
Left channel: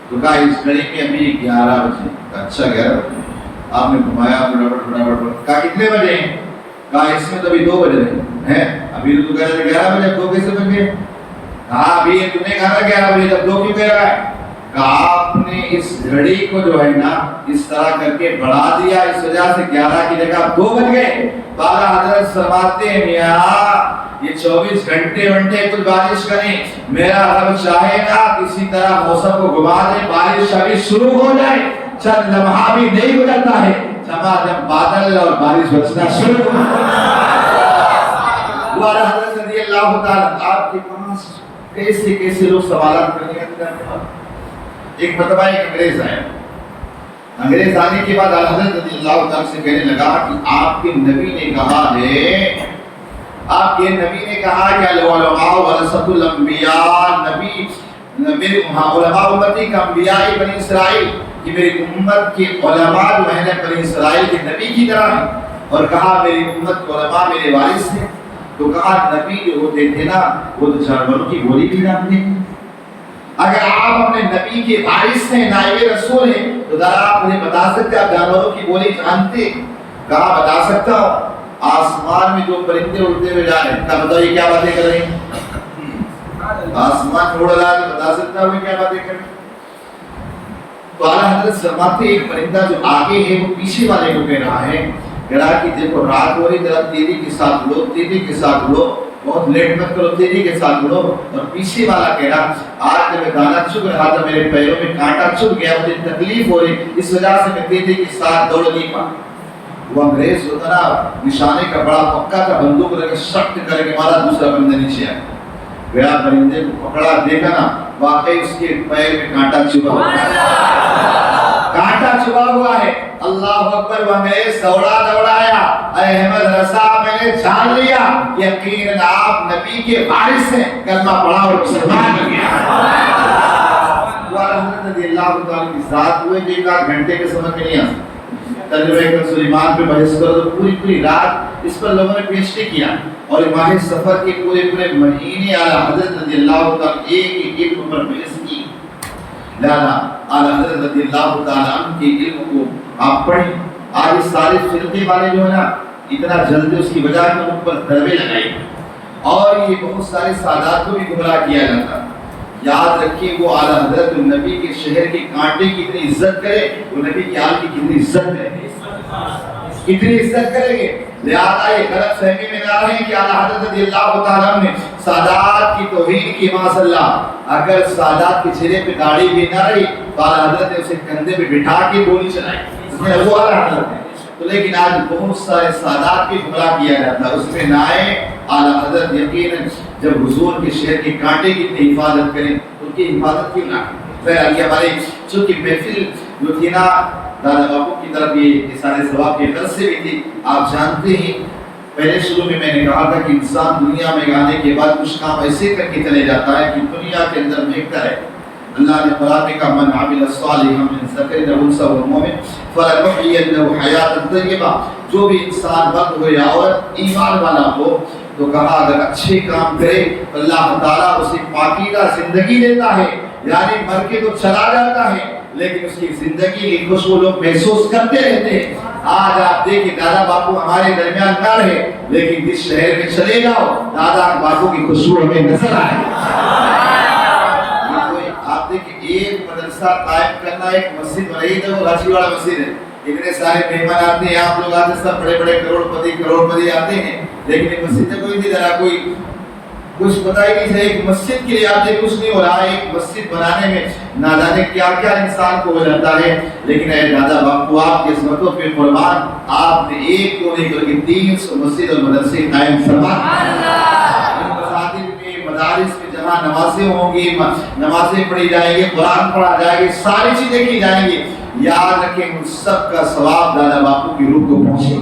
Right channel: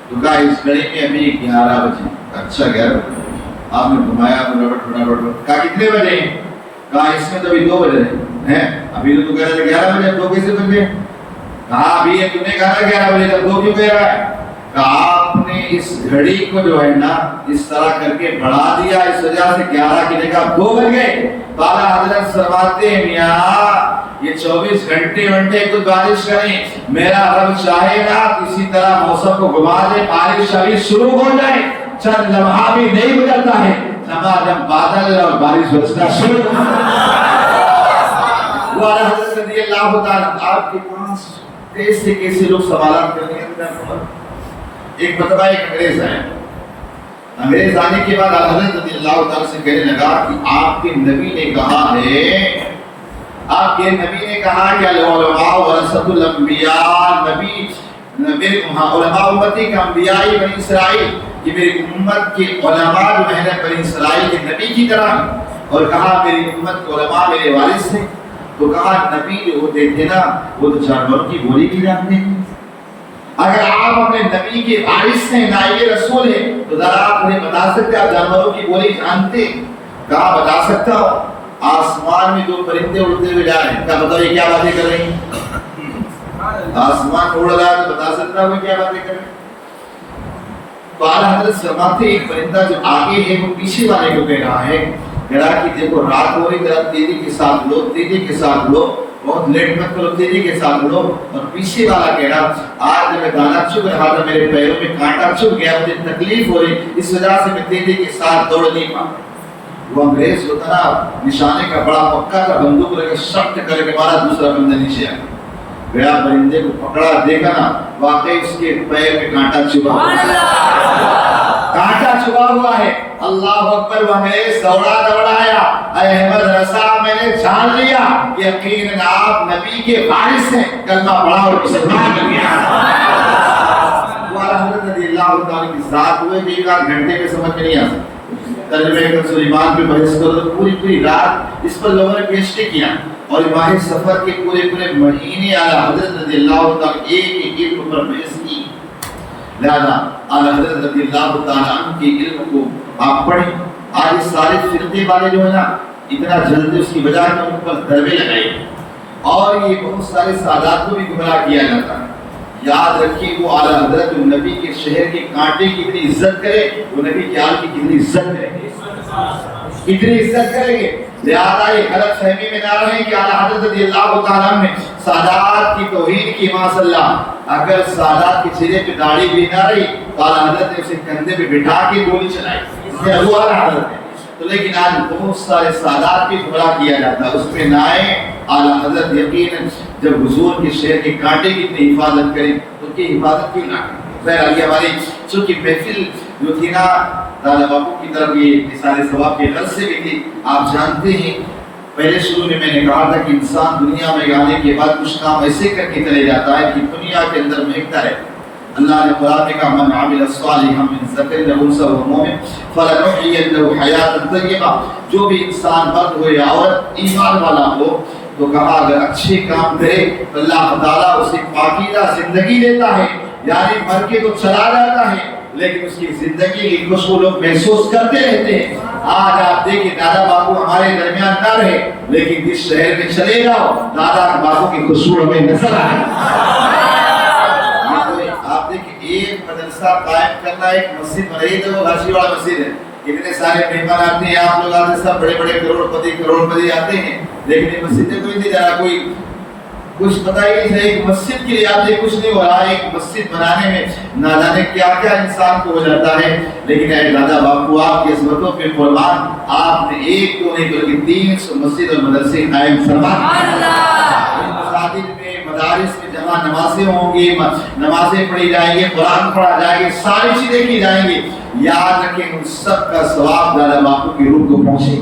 تو کہا اس گھڑی میں ابھی 11 بجے. اچھا 11 آپ نے گھمایا فٹافٹ. کہا کتنے بجے؟ کہا اس میں تو ابھی 2 بجے ہیں. ابھی تو کہہ رہے 11 بجے 2 کیسے بج گئے؟ کہا ابھی تم نے کہا تھا 11 بجے تب 2 کیوں کہہ رہا ہے؟ کہا آپ نے اس گھڑی کو جو ہے نا اس طرح کر کے بڑھا دیا اس وجہ سے 11 کی جگہ 2 بج گئے. بالا حضرت فرماتے ہیں میاں یہ 24 گھنٹے کچھ بارش کریں میرا رب چاہے گا کسی طرح موسم کو گھما دے بارش ابھی شروع ہو جائے چند لمحہ بھی نہیں گزرتا ہے جب بادل اور بارش برسنا شروع ہو والا حضرت رضی اللہ تعالیٰ آپ کے پاس کیسے لوگ سوالات کر رہے ہیں. ایک مرتبہ ایک انگریز آیا. انگریز آنے کے بعد حضرت رضی اللہ تعالیٰ سے کہنے لگا کہ آپ کے نبی نے کہا ہے کہ العلماء ورثۃ الانبیاء نبی میرے علماء امتی کا انبیاء بنی اسرائیل کہ میری امت کے علماء جو ہیں بنی اسرائیل کے نبی کی طرح ہیں. اور کہا میری امت کے علماء میرے وارث ہیں. تو کہا نبی جو ہوتے تھے نا وہ تو جانوروں کی بولی بھی جانتے ہیں. اگر آپ اپنے نبی کے وارث ہیں نائب رسول ہیں تو ذرا آپ مجھے بتا سکتے آپ جانوروں کی بولی جانتے؟ کہا بتا سکتا ہوں. آسمان میں جو پرندے اڑتے ہوئے جا رہے ہیں کہا بتائیے کیا باتیں کر رہے ہیں؟ آسمان اڑ رہا ہے بتا سکتا ہوں کیا باتیں کر رہے ہیں؟ تو اعلیٰ حضرت فرماتے ایک پرندہ جو آگے ہے وہ پیچھے والے کو کہہ رہا ہے کہ دیکھو رات ہو رہی ذرا تیزی کے ساتھ اڑو بہت لیٹ مت کرو تیزی کے ساتھ اڑو. اور پیچھے والا کہہ رہا آج جب میں دانا چگ رہا تھا میرے پیروں میں کانٹا چبھ گیا مجھے تکلیف ہو رہی اس وجہ سے میں تیزی کے ساتھ دوڑ نہیں پا. وہ انگریز ہوتا نا نشانے کا بڑا پکا تھا بندوق لے کے شخت کر کے مارا دوسرا بندہ نیچے آ گیا. پرندے کو پکڑا دیکھا نا واقعی اس کے پیر میں کانٹا چھپا ہوا ہے. اللہ اکبر. وہ انگریز دوڑایا اے احمد رضا میں نے جان لیا یقیناً آپ نبی کے وارث ہیں کلمہ پڑھا اور مسلمان ہو گیا. حضرت رضی اللہ تعالیٰ کی ذات ہوئے کہ 1 گھنٹے کے سمجھ میں نہیں آ سکتا. ترجمہ سلیمان پہ بحث کرو تو پوری رات اس پر لوگوں نے پیش کیا اور ماہ سفر کے پورے مہینے اعلیٰ حضرت رضی اللہ تعالیٰ ایک پر بحث کی. لہذا اعلیٰ حضرت رضی اللہ تعالیٰ عنہ کے علم کو آپ پڑھیں. آج سارے فرقے والے جو ہے نا اتنا جلدی اس کی وجہ میں ان پر ضربے لگائے اور یہ بہت سارے سادات کو بھی گمراہ کیا جاتا. یاد رکھیے وہ اعلیٰ حضرت نبی کے شہر کے کانٹے کی اتنی عزت کرے وہ نبی کے آل کی کتنی عزت کریں گے. لہذا یہ غلط فہمی میں نہ رہیں کہ اعلیٰ حضرت رضی اللہ تعالیٰ نے سادات کی توہین کی. ماشاءاللہ اگر سادات کے چہرے پہ داڑھی بھی نہ رہی تو اعلیٰ حضرت نے اسے کندھے پہ بٹھا کے گولی چلائی وہ اعلیٰ حضرت نے. تو لیکن آج بہت سارے سادات بھی گمراہ کیا جاتا ہے اس میں نہ آئے. اعلیٰ حضرت یقیناً جب حضور کے شہر کے کانٹے کی اتنی حفاظت کریں تو ان کی حفاظت کیوں نہ کریں. ہماری چونکہ محفل جو تھی نا دادا باپو کی طرف یہ سارے ثواب کے غرض سے بھی تھی. آپ جانتے ہیں پہلے شروع میں نے کہا تھا کہ انسان دنیا میں آنے کے بعد کچھ کام ایسے کر کے چلے جاتا ہے کہ دنیا کے اندر مہکتا ہے. اللہ نے قرآن میں کہا من عمل صالحا من ذکر او انثى وهو مؤمن فلنحيينه حیاتا طیبہ. جو بھی انسان مرد ہو یا عورت ایمان والا ہو تو کہا اگر اچھے کام کرے اللہ تعالیٰ اسے پاکیزہ زندگی دیتا ہے. یعنی مر کے تو چلا جاتا ہے لیکن اس کی زندگی کی خوشبو لوگ محسوس کرتے رہتے ہیں. آج آپ دیکھیں دادا باپو ہمارے درمیان نہ رہے لیکن جس شہر میں چلے جاؤ دادا باپو کی خوشبو ہمیں نظر آئے. آپ دیکھیں ایک مدرسہ قائم کرنا ایک مسجد بنائی تو وہ راچی والا مسجد ہے. اتنے سارے مہمان آتے ہیں آپ لوگ آتے سب بڑے کروڑ پتی آتے ہیں لیکن مسجد میں کوئی نہیں جا رہا. کوئی کچھ پتہ ہی نہیں. ایک مسجد کے لیے آتے کچھ نہیں ہو رہا. ایک مسجد بنانے میں نہ جانے کیا انسان کو ہو جاتا ہے. لیکن اے دادا باپو آپ کی عظمتوں پہ قربان آپ نے ایک کو نہیں بلکہ 300 مسجد اور مدرسے قائم فرما. مساجد میں مدارس میں جہاں نمازیں ہوں گی، نمازیں پڑھی جائیں گی، قرآن پڑھا جائے گی، ساری چیزیں کی جائیں گی، یاد رکھیں ان سب کا ثواب دادا باپو کی روح کو پہنچے۔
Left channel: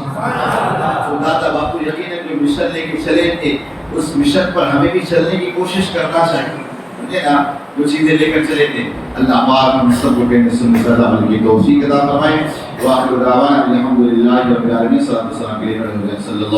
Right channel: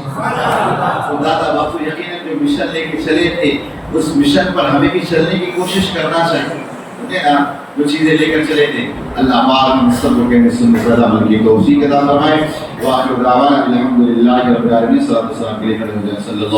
تو دادا باپو یقیناً جو مشن لے کے چلے تھے اس مشن پر ہمیں بھی چلنے کی کوشش کرنا چاہیے نا، جو چیزیں لے کر چلے تھے۔ اللہ پاک ہم سب کو کہنے سننے پر عمل کی توفیق عطا فرمائے۔ وآخر دعوانا الحمدللہ رب العالمین، صلی اللہ علیہ وسلم۔